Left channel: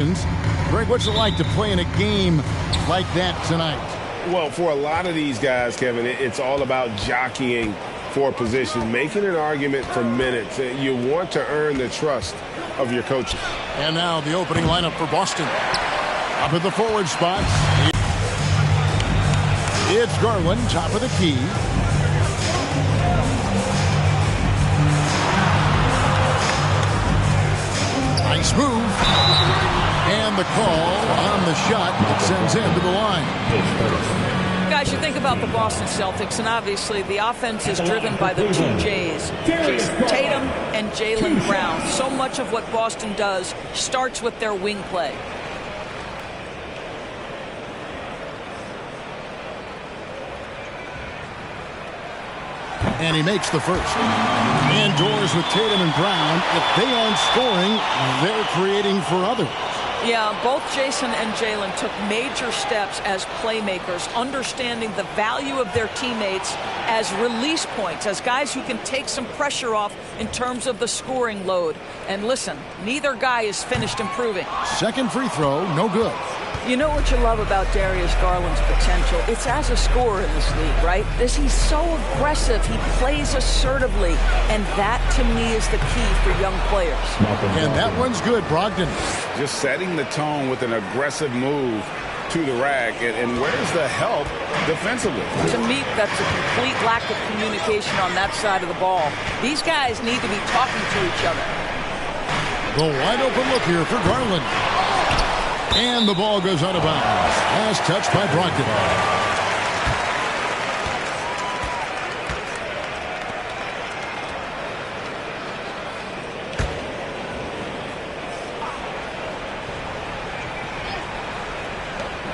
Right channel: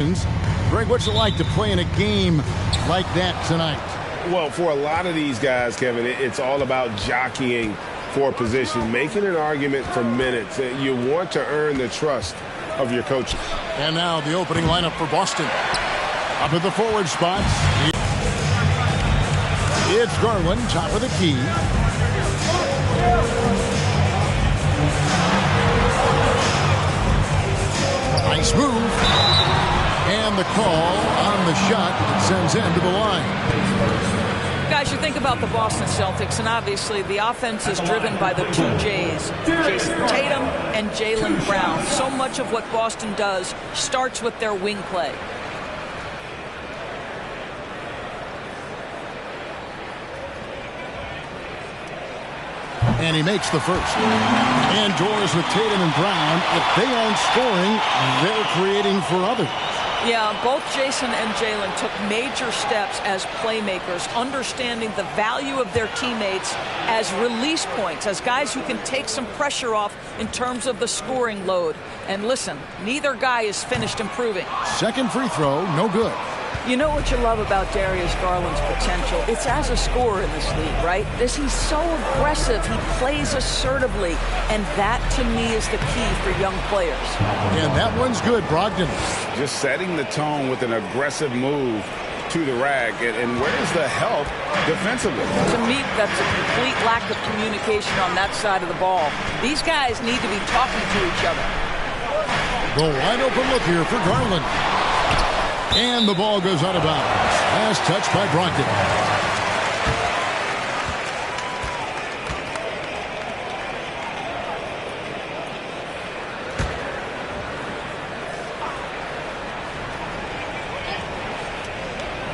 Greg, what's it like to play in a game like that tonight? Well, for a lot of these guys, Kevin, it's all about jockeying for position, making an argument for minutes. You want to earn the trust of your coaches. And now the opening lineup for Boston. Up at the forward spots, it's Garland, top of the key. Nice move. And the call on the shot that sends him to the line. Guys, you think about the Boston Celtics, and obviously the offense is driven by the two J's, Jason Tatum and Jaylen Brown. So much of what Boston does starts with their wing play. And he makes the first. Indoors with Tatum and Brown. If they aren't scoring, they're creating for others. Yeah, both Jason and Jaylen took major steps as playmakers, understanding the value of their teammates as release points, as guys who can take some pressure off in terms of the scoring load. And listen, neither guy is finished improving. Second free throw, no good. You know what you love about Darius Garland's potential? It's as a scorer in this league, right? He's so aggressive. He plays assertively. And that, to me, is the key for young players. And that one's good, Brogdon. Just setting the tone with an aggressive move to the rack. And where's the help defensively? To me, that's a complete lack of communication on that side of the ball. These guys need to be talking to each other. The wide open look here for Garland. And the ball goes out of bounds. Last touch by Brogdon.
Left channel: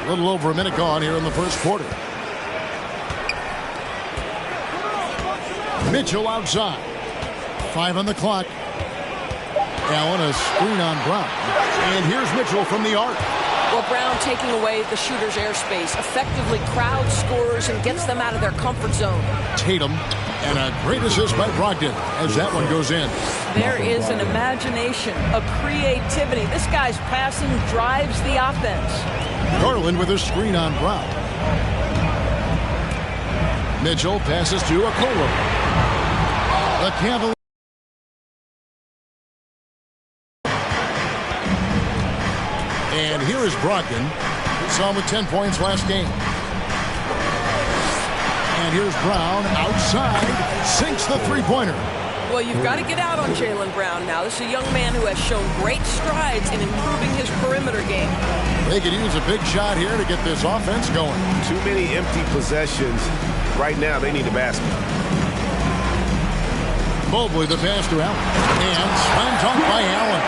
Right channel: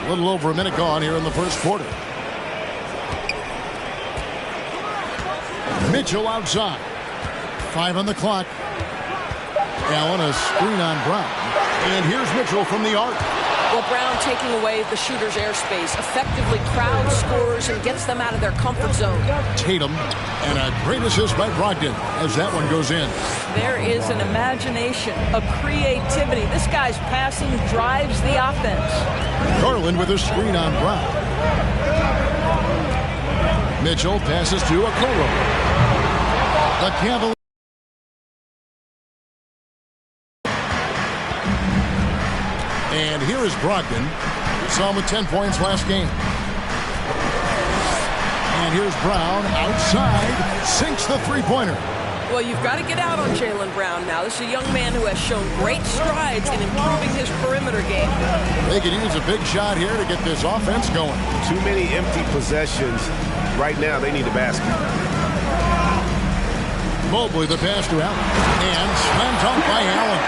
A little over a minute gone here in the first quarter. Mitchell outside. 5 on the clock. Allen, a screen on Brown. And here's Mitchell from the arc. Well, Brown taking away the shooter's airspace, effectively crowds scorers and gets them out of their comfort zone. Tatum, and a great assist by Brogdon as that one goes in. There is an imagination, a creativity. This guy's passing drives the offense. Garland with a screen on Brown. Mitchell passes to Okoro. The Cavaliers. And here is Brogdon. We saw him with 10 points last game. And here's Brown outside. Sinks the three-pointer. Well, you've got to get out on Jaylen Brown now. This is a young man who has shown great strides in improving his perimeter game. They could use a big shot here to get this offense going. Too many empty possessions. Right now, they need a basket. Mobley the pass to Allen. And slam dunk by Allen.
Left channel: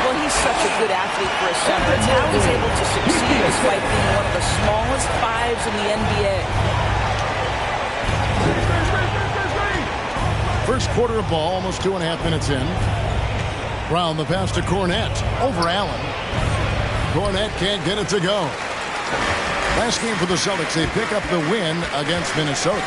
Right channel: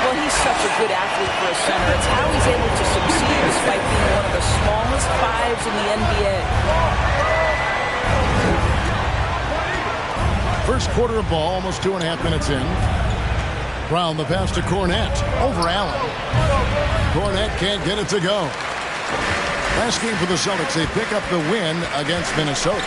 Well, he's such a good athlete for a center. It's how he's able to succeed despite being one of the smallest fives in the NBA. First quarter of ball, almost 2.5 minutes in. Brown the pass to Cornette. Over Allen. Cornette can't get it to go. Last game for the Celtics, they pick up the win against Minnesota.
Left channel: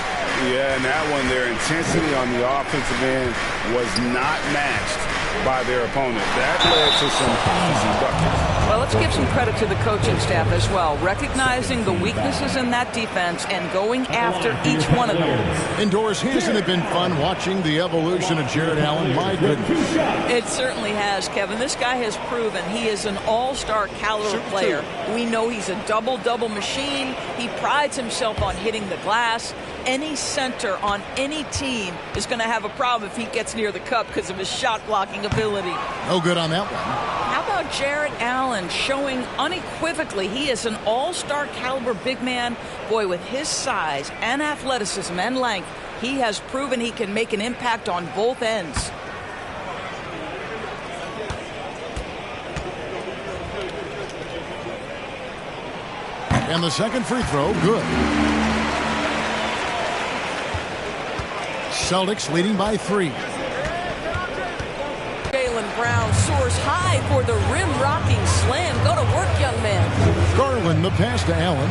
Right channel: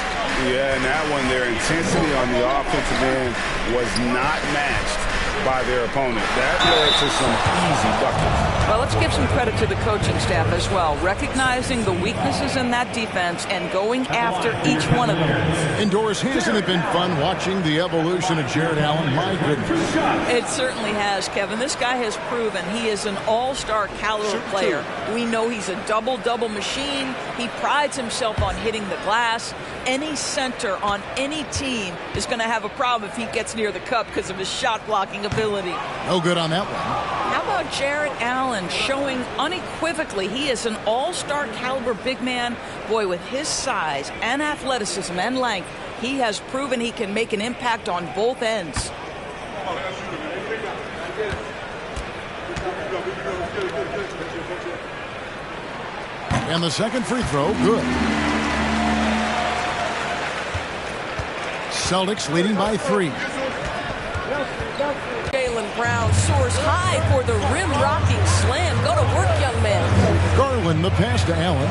Yeah, and that one, their intensity on the offensive end was not matched by their opponent. That led to some easy buckets. Well, let's give some credit to the coaching staff as well, recognizing the weaknesses in that defense and going after each one of them. Indoors, hasn't it been fun watching the evolution of Jarrett Allen? My goodness. It certainly has, Kevin. This guy has proven he is an all-star caliber player. We know he's a double-double machine. He prides himself on hitting the glass. Any center on any team is going to have a problem if he gets near the cup because of his shot blocking ability. No good on that one. How about Jarrett Allen showing unequivocally he is an all-star caliber big man? Boy, with his size and athleticism and length, he has proven he can make an impact on both ends. And the second free throw, good. Celtics leading by 3. Jaylen Brown soars high for the rim-rocking slam. Go to work, young man. Garland the pass to Allen.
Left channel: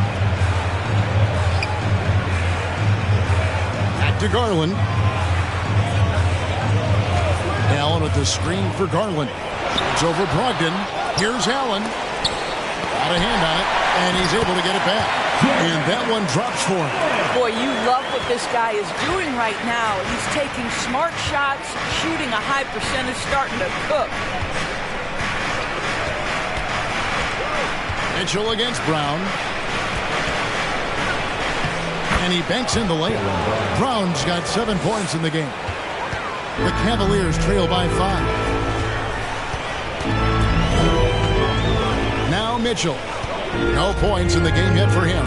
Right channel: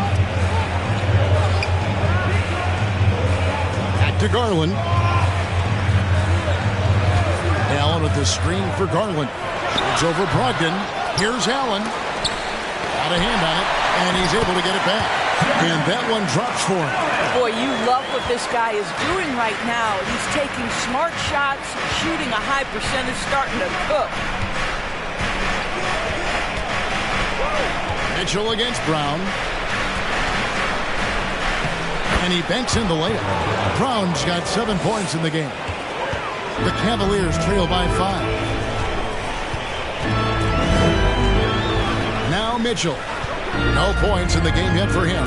Back to Garland. Allen with the screen for Garland. It's over Brogdon. Here's Allen. Got a hand on it, and he's able to get it back. And that one drops for him. Boy, you love what this guy is doing right now. He's taking smart shots, shooting a high percentage, starting to cook. Mitchell against Brown. And he banks in the layup. Brown's got 7 points in the game. The Cavaliers trail by 5. Now Mitchell. No points in the game yet for him.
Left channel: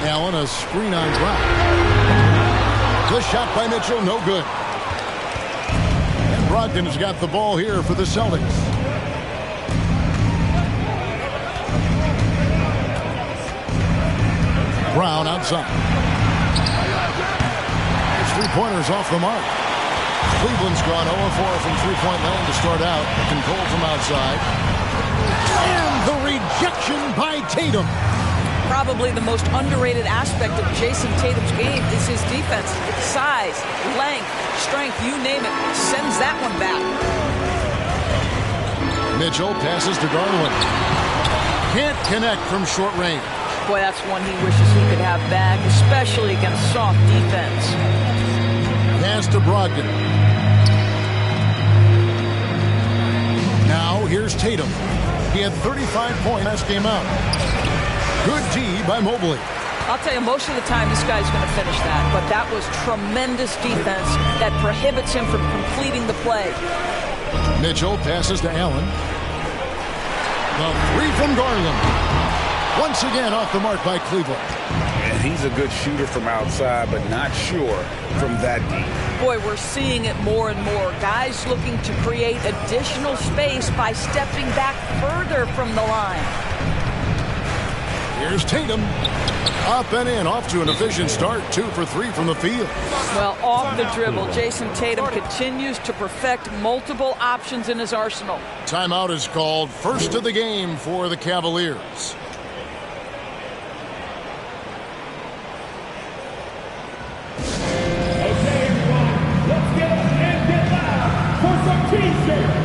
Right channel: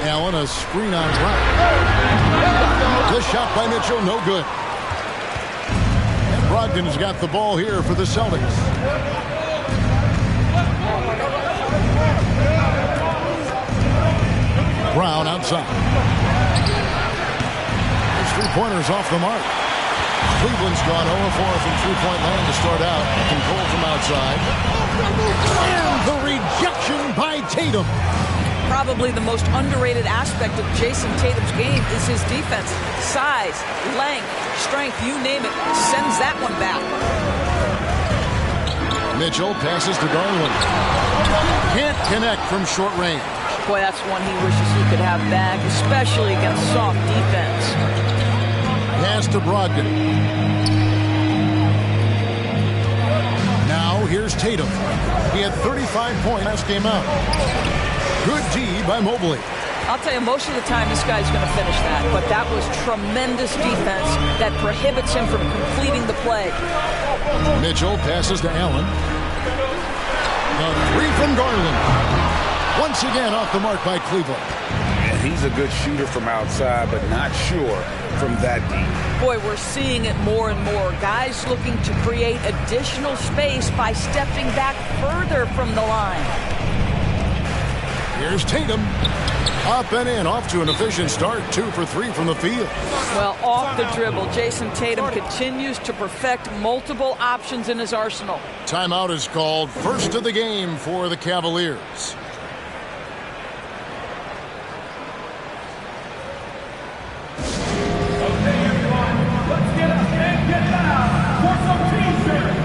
Allen, a screen on Brown. The shot by Mitchell, no good. And Brogdon has got the ball here for the Celtics. Brown outside. His three-pointers off the mark. Cleveland's gone 0-4 from three-point land to start out. Control from outside. And the rejection by Tatum. Probably the most underrated aspect of Jason Tatum's game is his defense. Size, length, strength, you name it, sends that one back. Mitchell passes to Garland. Can't connect from short range. Boy, that's one he wishes he could have back, especially against soft defense. Pass to Brogdon. Now here's Tatum. He had 35 points last game out. Good D by Mobley. I'll tell you, most of the time this guy's going to finish that, but that was tremendous defense that prohibits him from completing the play. Mitchell passes to Allen. The three from Garland. Once again off the mark by Cleveland. And he's a good shooter from outside, but not sure from that deep. Boy, we're seeing it more and more. Guys looking to create additional space by stepping back further from the line. Here's Tatum. Up and in, off to an efficient start. 2 for 3 from the field. Well, off the dribble, Jason Tatum continues to perfect multiple options in his arsenal. Timeout is called. First of the game for the Cavaliers. Okay, everyone, let's get up and get loud for some T-shirts.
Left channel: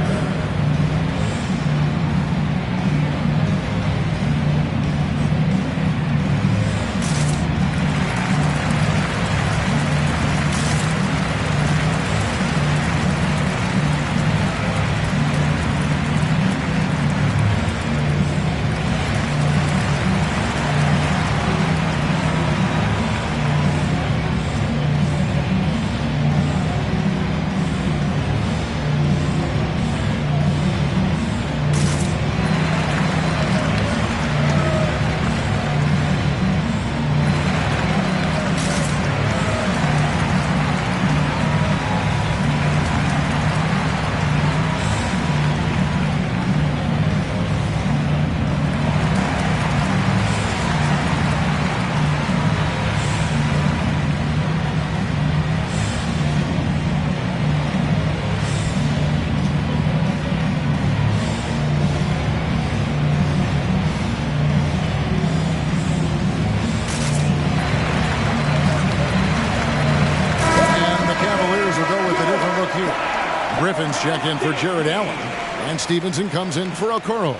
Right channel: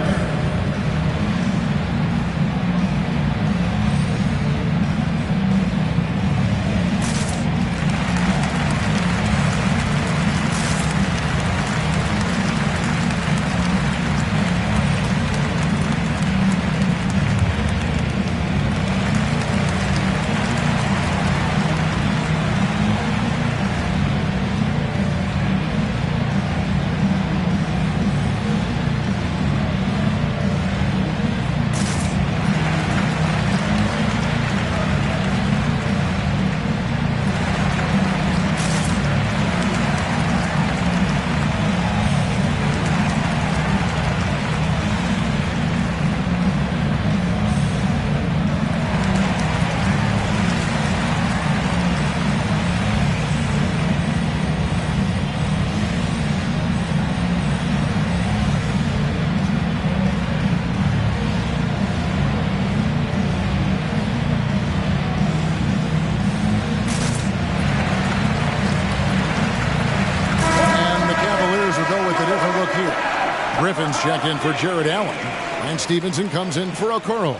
Griffin's checked in for Jared Allen. And Stevenson comes in for Okoro.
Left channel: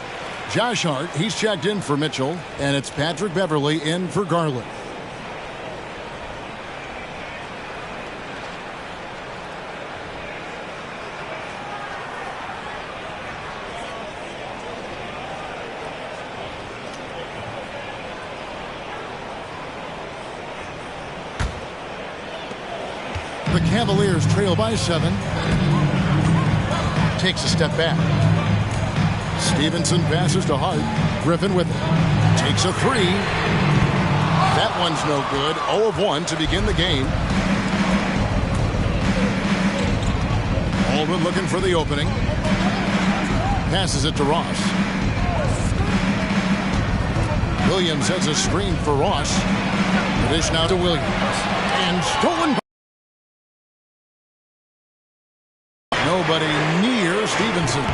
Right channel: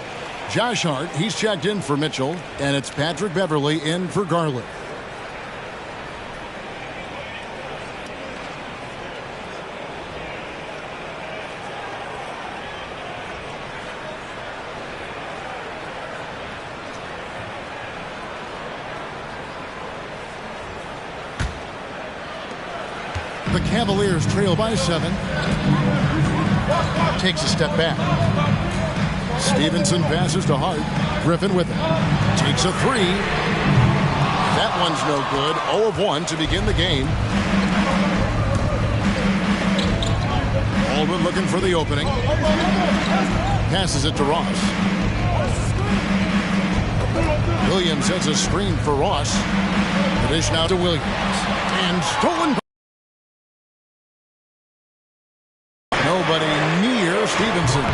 Josh Hart, he's checked in for Mitchell. And it's Patrick Beverley in for Garland. The Cavaliers trail by 7. Takes a step back. Stevenson passes to Hart. Griffin with it. Takes a 3. That one's no good. 0 of 1 to begin the game. Baldwin looking for the opening. Passes it to Ross. Williams has a screen for Ross. The dish now to Williams. And stolen by nobody near Stevenson.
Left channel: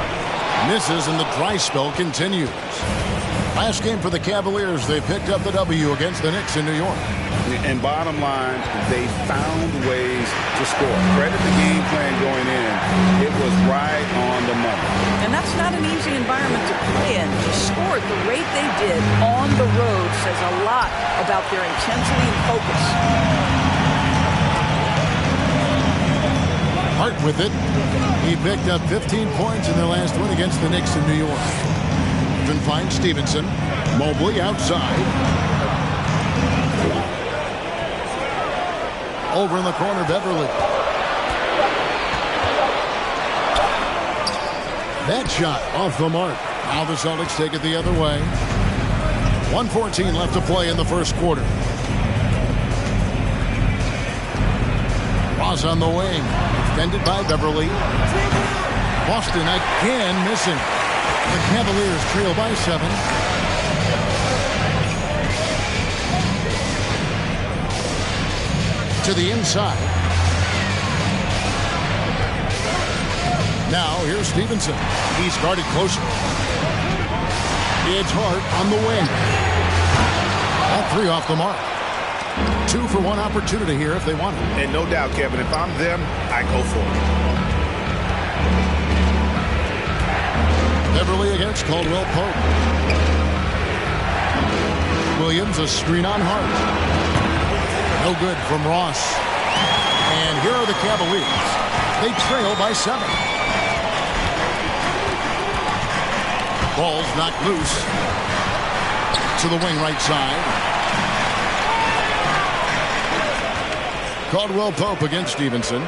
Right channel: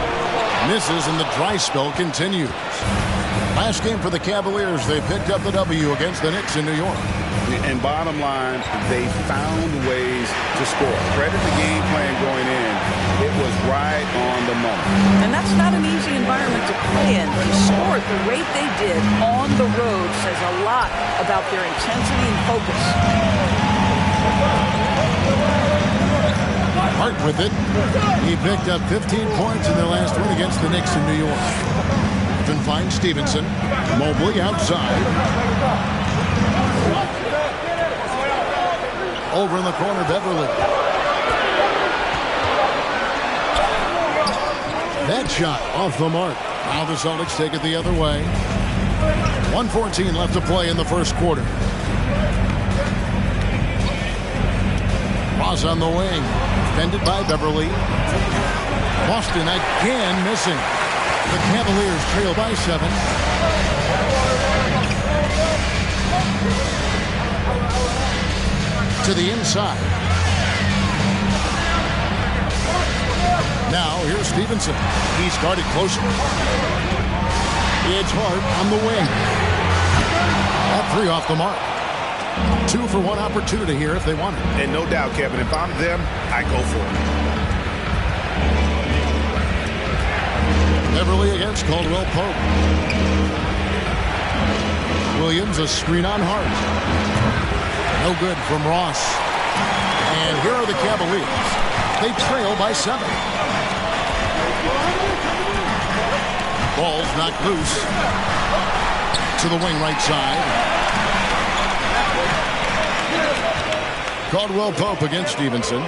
Misses and the dry spell continues. Last game for the Cavaliers, they picked up the W against the Knicks in New York. And bottom line, they found ways to score. Credit the game plan going in. It was right on the money. And that's not an easy environment to play in. To score at the rate they did on the road says a lot about their intensity and focus. Hart with it. He picked up 15 points in their last win against the Knicks in New York. Then finds Stevenson. Mobley outside. Over in the corner, Beverly. That shot off the mark. Now the Celtics take it the other way. 1:14 left to play in the first quarter. Ross on the wing. Defended by Beverly. Boston again missing. The Cavaliers trail by 7. To the inside. Now here's Stevenson. He's guarded closer. It's Hart on the wing. That 3 off the mark. 2 for 1 opportunity here if they want it. And no doubt, Kevin, if I'm them, I go for it. Beverly against Caldwell Pope. Williams, a screen on Hart. No good from Ross. And here are the Cavaliers. They trail by 7. Ball's knocked loose. To the wing right side. Caldwell Pope against Stevenson.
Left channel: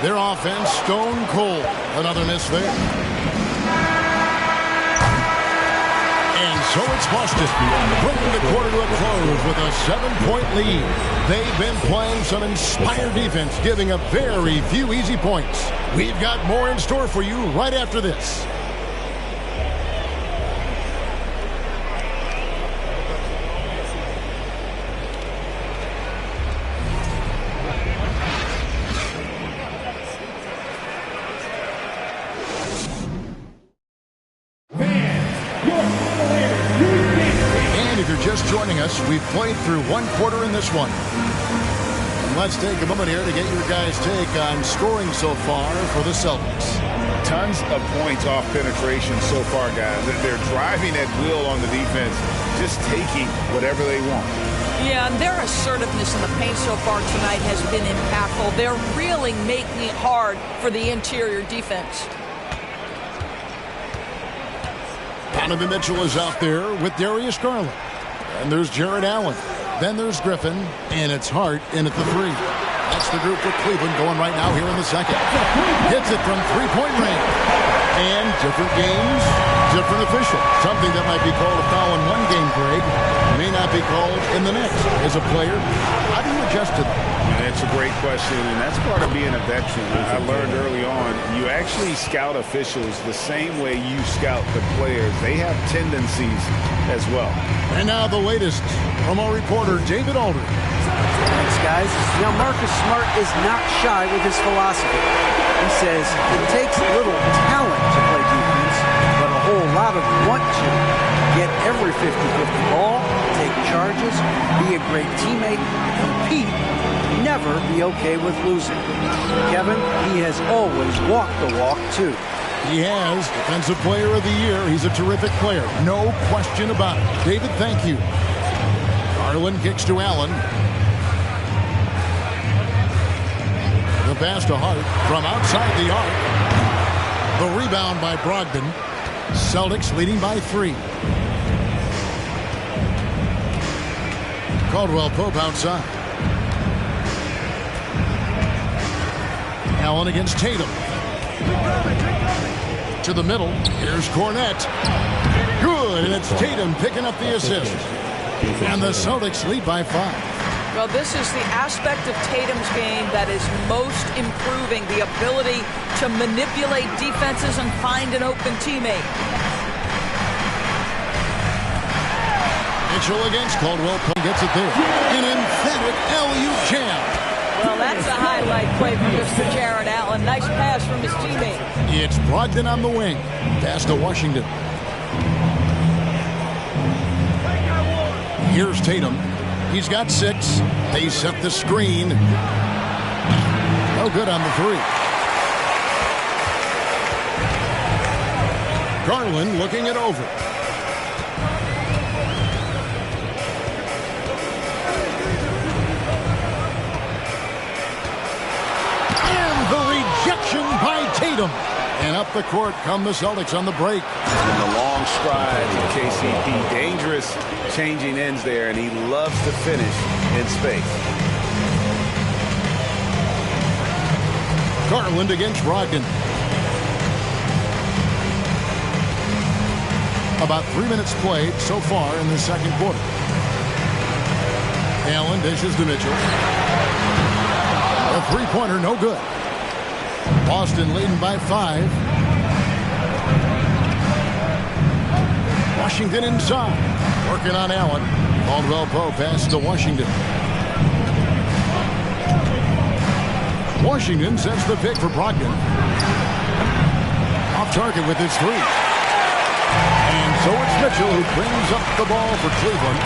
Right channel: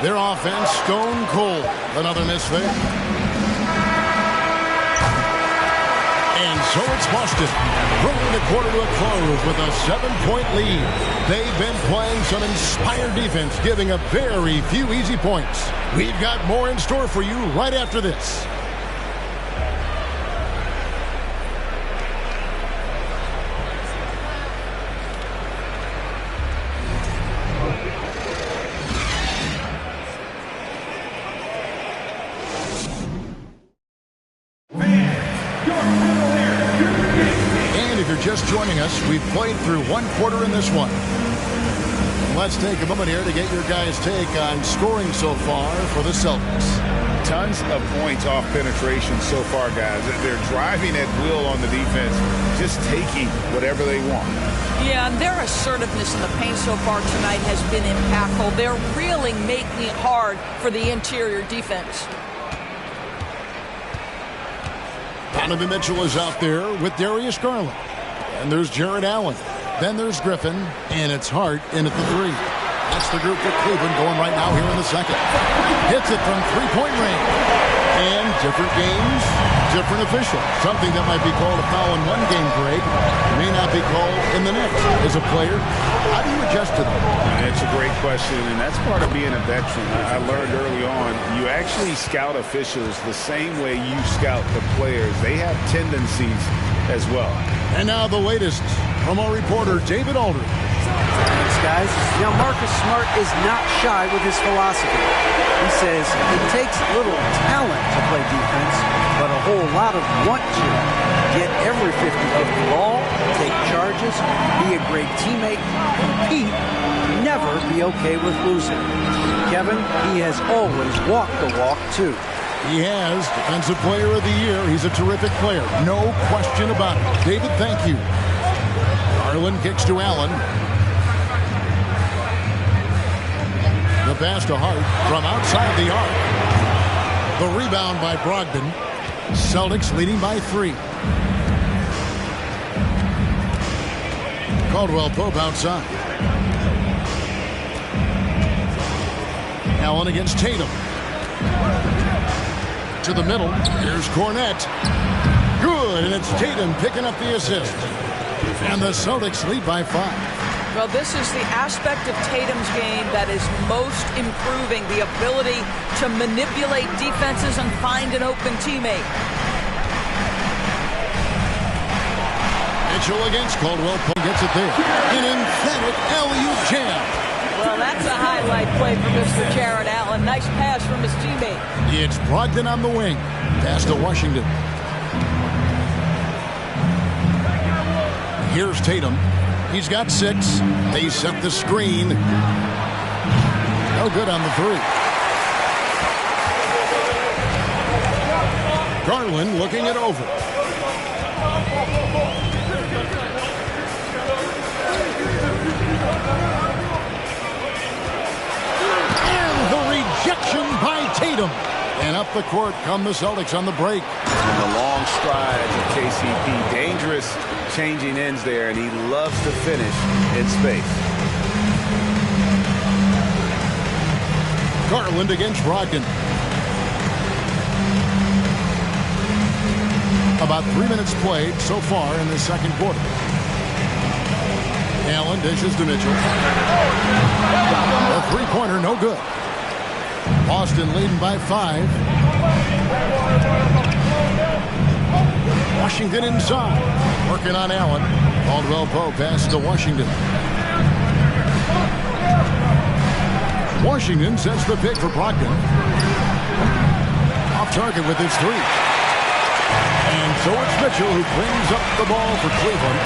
Their offense stone cold. Another miss there. And so it's Boston, bringing the quarter to a close with a 7-point lead. They've been playing some inspired defense, giving up very few easy points. We've got more in store for you right after this. If you're just joining us, we've played through 1 quarter in this one. And let's take a moment here to get your guys' take on scoring so far for the Celtics. Tons of points off penetration so far, guys. They're driving at will on the defense, just taking whatever they want. Yeah, and their assertiveness in the paint so far tonight has been impactful. They're really making it hard for the interior defense. Donovan Mitchell is out there with Darius Garland. And there's Jarrett Allen. Then there's Griffin. And it's Hart in at the 3. That's the group for Cleveland going right now here in the second. Hits it from 3-point range. And different games, different officials. Something that might be called a foul in one game, Greg, may not be called in the next. As a player, how do you adjust to that? It's a great question, and that's part of being a veteran. I learned early on, you actually scout officials the same way you scout the players. They have tendencies as well. And now the latest from our reporter, David Aldridge. Thanks, guys. Now, Marcus Smart is not shy with his philosophy. He says it takes little talent to play defense, but a whole lot of want to. Get every 50-50 ball, take charges, be a great teammate, compete, never be okay with losing. Kevin, he has always walked the walk, too. He has. Defensive Player of the Year. He's a terrific player. No question about it. David, thank you. Garland kicks to Allen. The pass to Hart from outside the arc. The rebound by Brogdon. Celtics leading by 3. Caldwell Pope outside. Allen against Tatum. To the middle. Here's Cornette. Good, and it's Tatum picking up the assist. And the Celtics lead by 5. Well, this is the aspect of Tatum's game that is most improving, the ability to manipulate defenses and find an open teammate. Mitchell against Caldwell. Pope gets it there. An emphatic alley-oop jam. Well, that's a highlight play for Mr. Jared Allen. Nice pass from his teammate. It's Brogdon on the wing. Pass to Washington. Here's Tatum. He's got 6. They set the screen. No good on the 3. Garland looking it over. And the rejection by Tatum. And up the court come the Celtics on the break. And the long strides of KCP. Dangerous changing ends there, and he loves to finish in space. Garland against Brogdon. About 3 minutes played so far in the second quarter. Allen dishes to Mitchell. A three-pointer, no good. Boston leading by 5. Washington inside. Working on Allen. Caldwell Pope pass to Washington. Washington sets the pick for Brogdon. Off target with his 3. And so it's Mitchell who brings up the ball for Cleveland.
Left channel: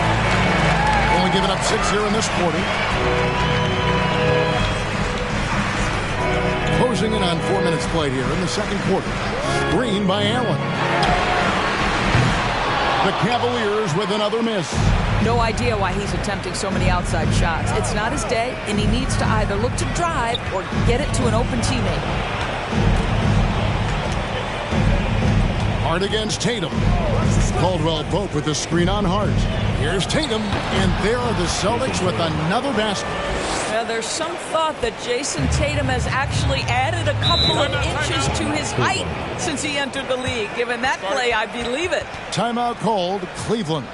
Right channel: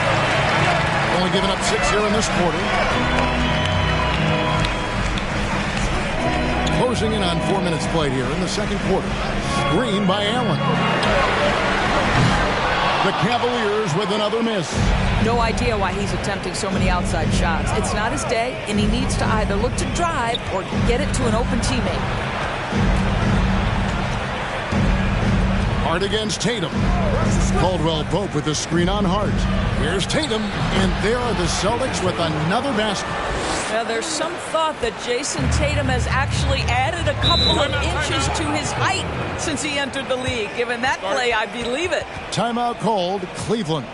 Only giving up 6 here in this quarter. Closing in on 4 minutes played here in the second quarter. Screen by Allen. The Cavaliers with another miss. No idea why he's attempting so many outside shots. It's not his day, and he needs to either look to drive or get it to an open teammate. Hart against Tatum. Caldwell Pope with the screen on Hart. Here's Tatum, and there are the Celtics with another basket. Now, there's some thought that Jason Tatum has actually added a couple of inches to his height since he entered the league. Given that play, I believe it. Timeout called, Cleveland.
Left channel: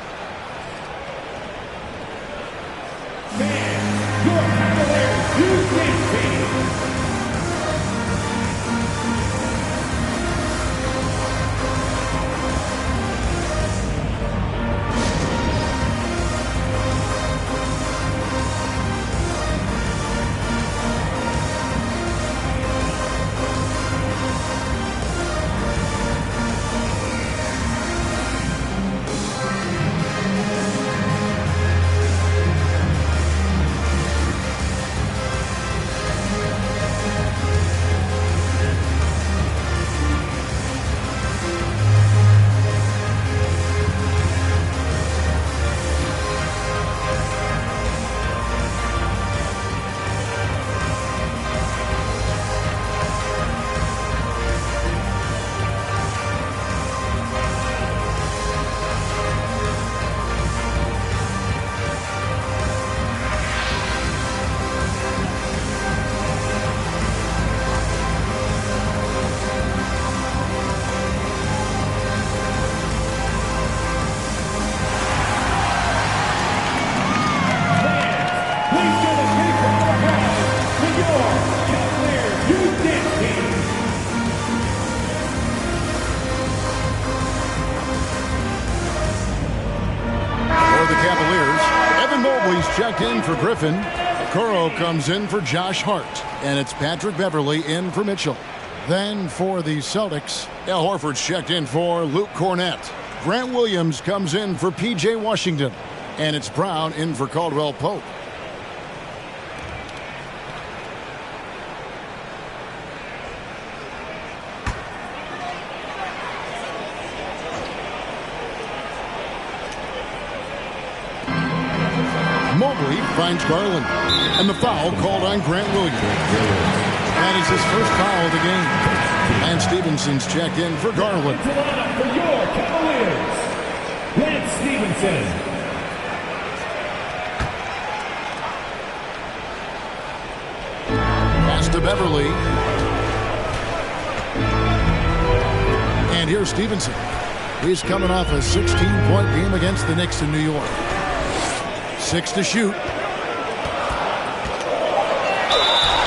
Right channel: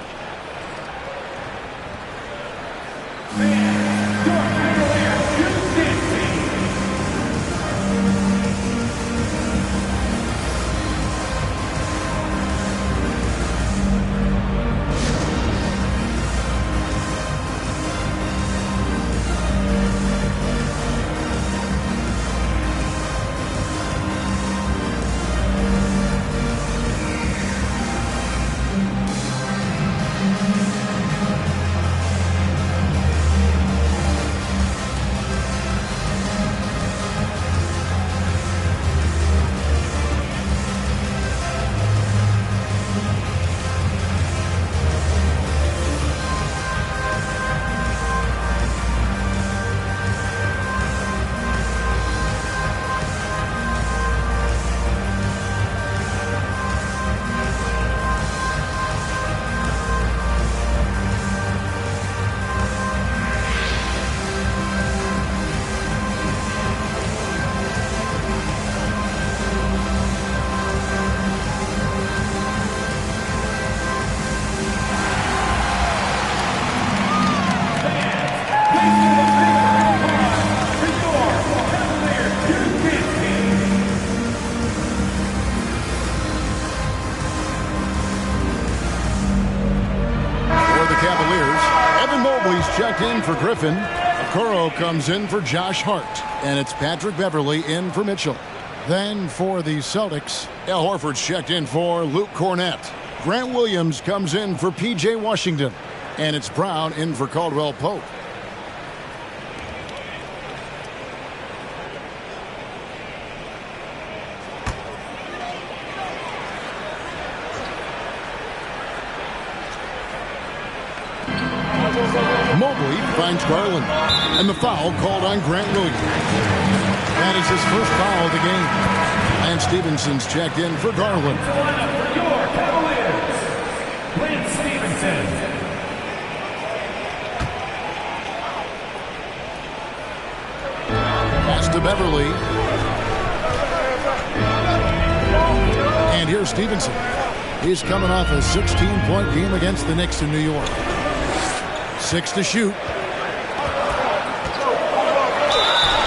Checked in for Griffin. Okoro comes in for Josh Hart. And it's Patrick Beverley in for Mitchell. Then for the Celtics, Al Horford's checked in for Luke Cornett. Grant Williams comes in for P.J. Washington. And it's Brown in for Caldwell Pope. Mobley finds Garland, and the foul called on Grant Williams. That is his first foul of the game. Lance Stephenson's checked in for Garland. To line up for your Cavaliers, Lance Stephenson. Pass to Beverley. And here's Stephenson. He's coming off a 16-point game against the Knicks in New York. 6 to shoot.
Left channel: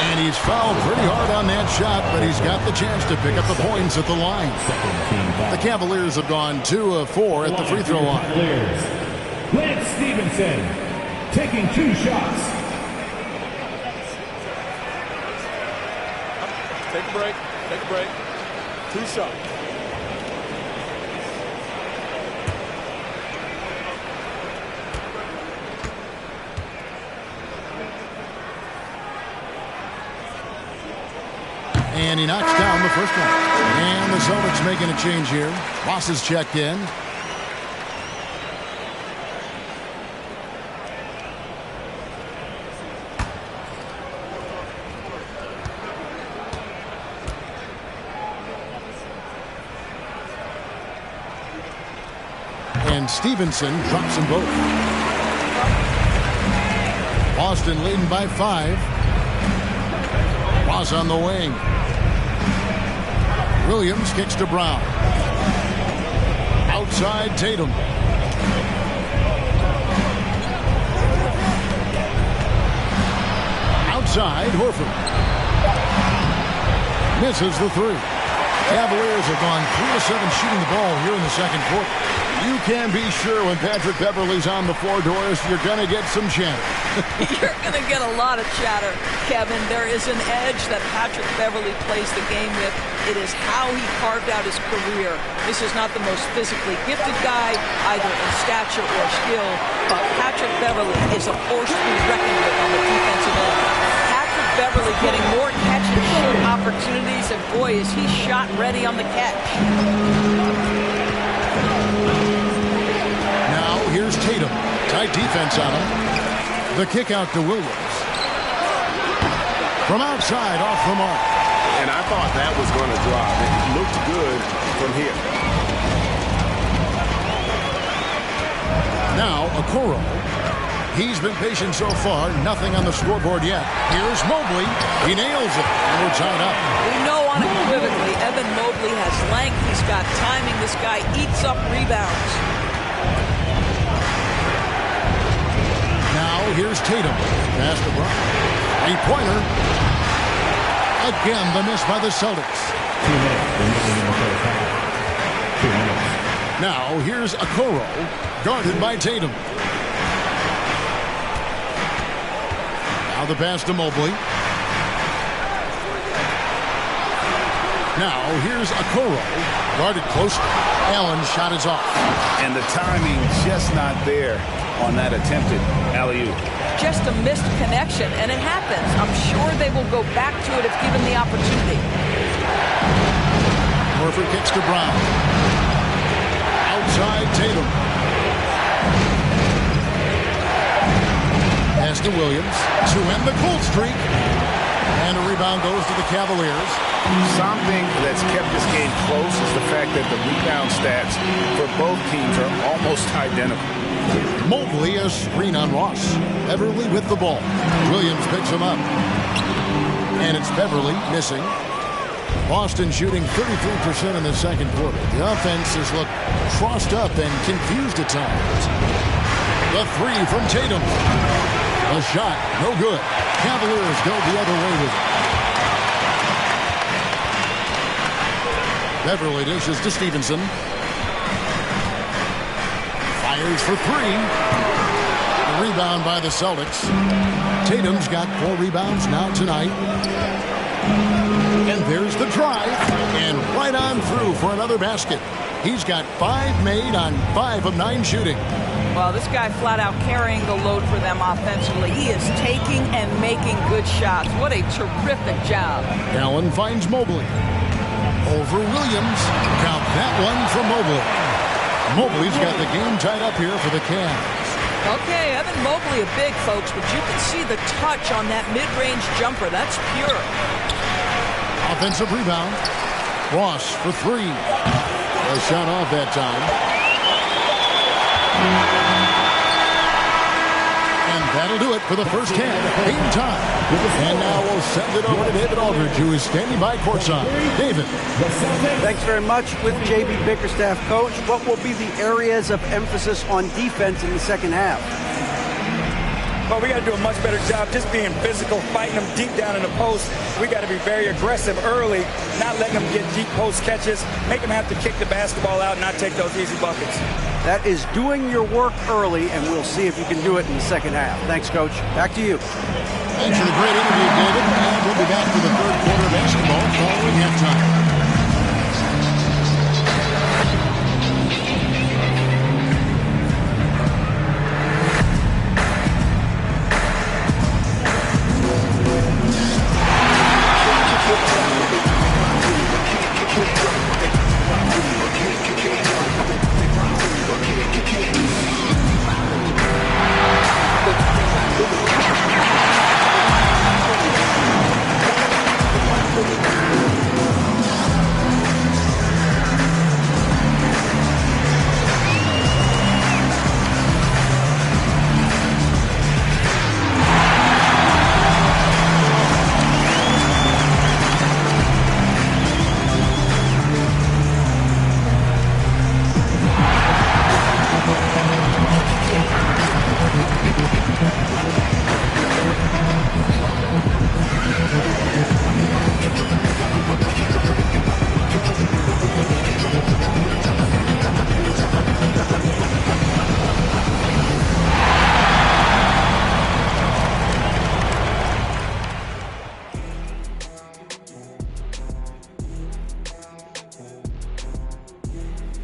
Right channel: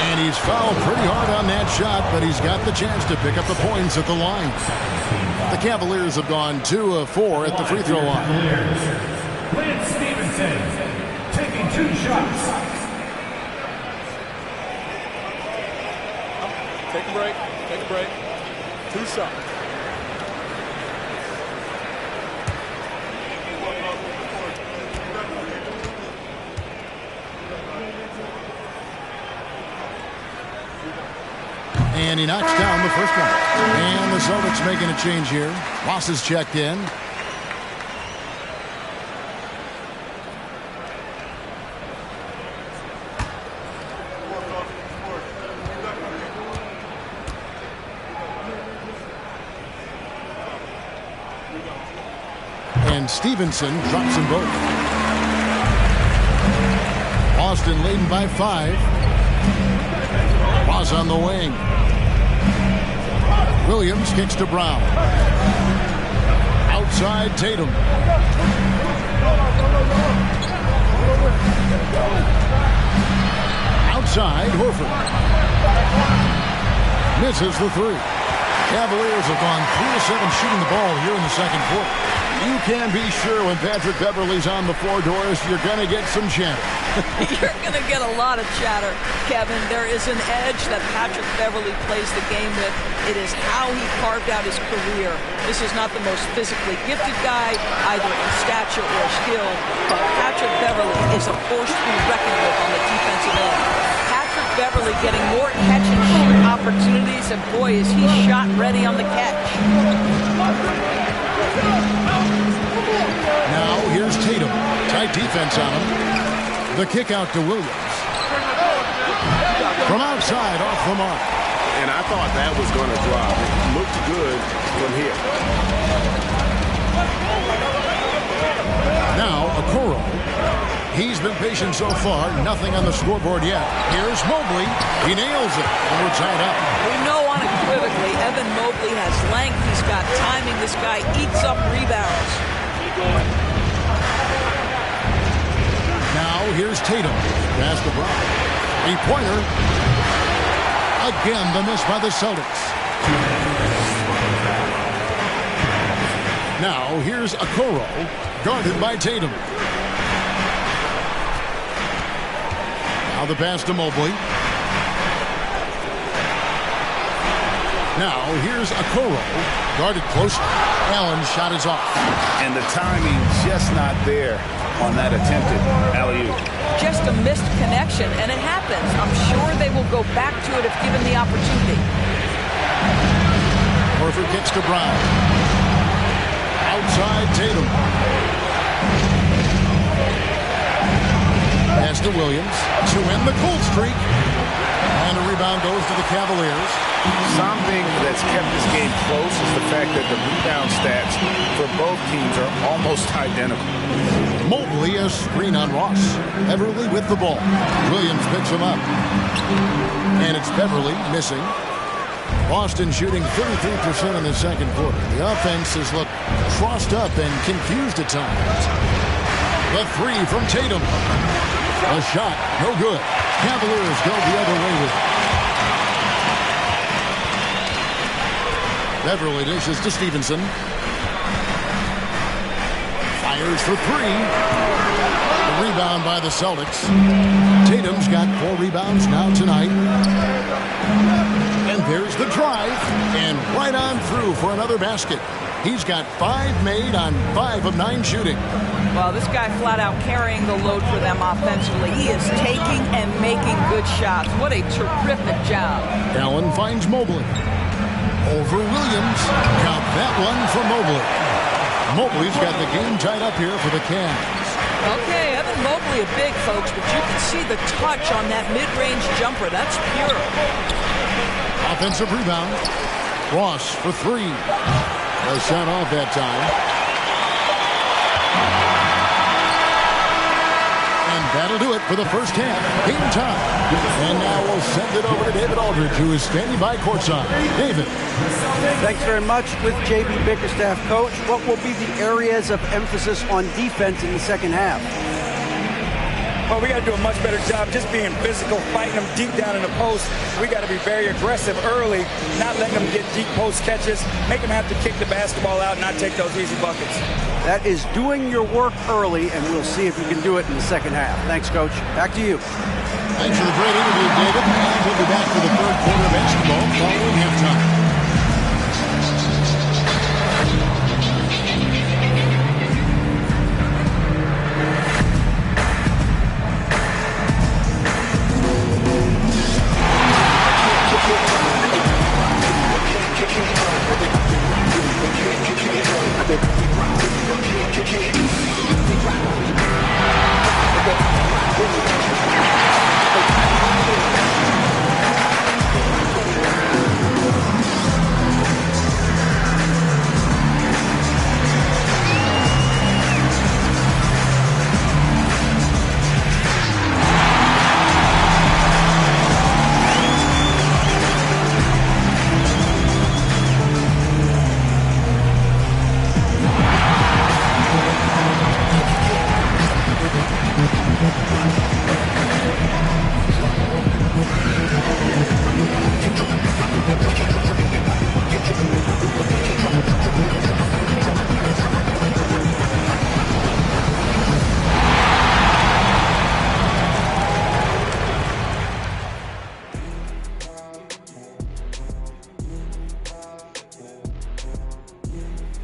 And he's fouled pretty hard on that shot, but he's got the chance to pick up the points at the line. The Cavaliers have gone 2 of 4 at the free throw line. Lance Stephenson taking 2 shots. Take a break. Take a break. 2 shots. And he knocks down the first one. And the Celtics making a change here. Ross is checked in. And Stevenson drops them both. Boston leading by 5. Ross on the wing. Williams kicks to Brown. Outside Tatum. Outside Horford. Misses the 3. Cavaliers have gone 3 of 7 shooting the ball here in the second quarter. You can be sure when Patrick Beverley's on the floor, Doris, you're going to get some chatter. You're going to get a lot of chatter, Kevin. There is an edge that Patrick Beverley plays the game with. It is how he carved out his career. This is not the most physically gifted guy, either in stature or skill, but Patrick Beverley is a force to be reckoned with on the defensive end. Patrick Beverley getting more catch-and-shoot opportunities, and boy, is he shot ready on the catch. Now here's Tatum. Tight defense on him. The kick out to Williams. From outside, off the mark. And I thought that was going to drop. It looked good from here. Now Okoro. He's been patient so far. Nothing on the scoreboard yet. Here's Mobley. He nails it. And we're tied up. We know unequivocally Evan Mobley has length. He's got timing. This guy eats up rebounds. Now here's Tatum. Pass to Brown. 3-pointer. Again, the miss by the Celtics. Now here's Okoro. Guarded by Tatum. Now the pass to Mobley. Now here's Okoro. Guarded close. Allen's shot is off. And the timing just not there on that attempted alley-oop. Just a missed connection, and it happens. I'm sure they will go back to it if given the opportunity. Horford kicks to Brown. Outside Tatum. Pass to Williams to end the cold streak. And a rebound goes to the Cavaliers. Something that's kept this game close is the fact that the rebound stats for both teams are almost identical. Mobley a screen on Ross. Beverley with the ball. Williams picks him up. And it's Beverley missing. Boston shooting 33% in the second quarter. The offense has looked crossed up and confused at times. The 3 from Tatum. A shot, no good. Cavaliers go the other way with it. Beverley dishes to Stevenson. Fires for 3. The rebound by the Celtics. Tatum's got 4 rebounds now tonight. And there's the drive. And right on through for another basket. He's got 5 made on 5 of 9 shooting. Well, this guy flat out carrying the load for them offensively. He is taking and making good shots. What a terrific job. Allen finds Mobley. Over Williams. Count that one for Mobley. Mobley's got the game tied up here for the Cavs. Okay, Evan Mobley a big, folks, but you can see the touch on that mid-range jumper. That's pure. Offensive rebound. Ross for 3. A shot off that time. And that'll do it for the first half. Game time. And now we'll send it over to David Aldridge, who is standing by courtside. David. Thanks very much. With J.B. Bickerstaff, Coach, what will be the areas of emphasis on defense in the second half? But we got to do a much better job just being physical, fighting them deep down in the post. We got to be very aggressive early, not letting them get deep post catches, make them have to kick the basketball out and not take those easy buckets. That is doing your work early, and we'll see if you can do it in the second half. Thanks, Coach. Back to you. Thanks for the great interview, David. And we'll be back for the third quarter of basketball following halftime.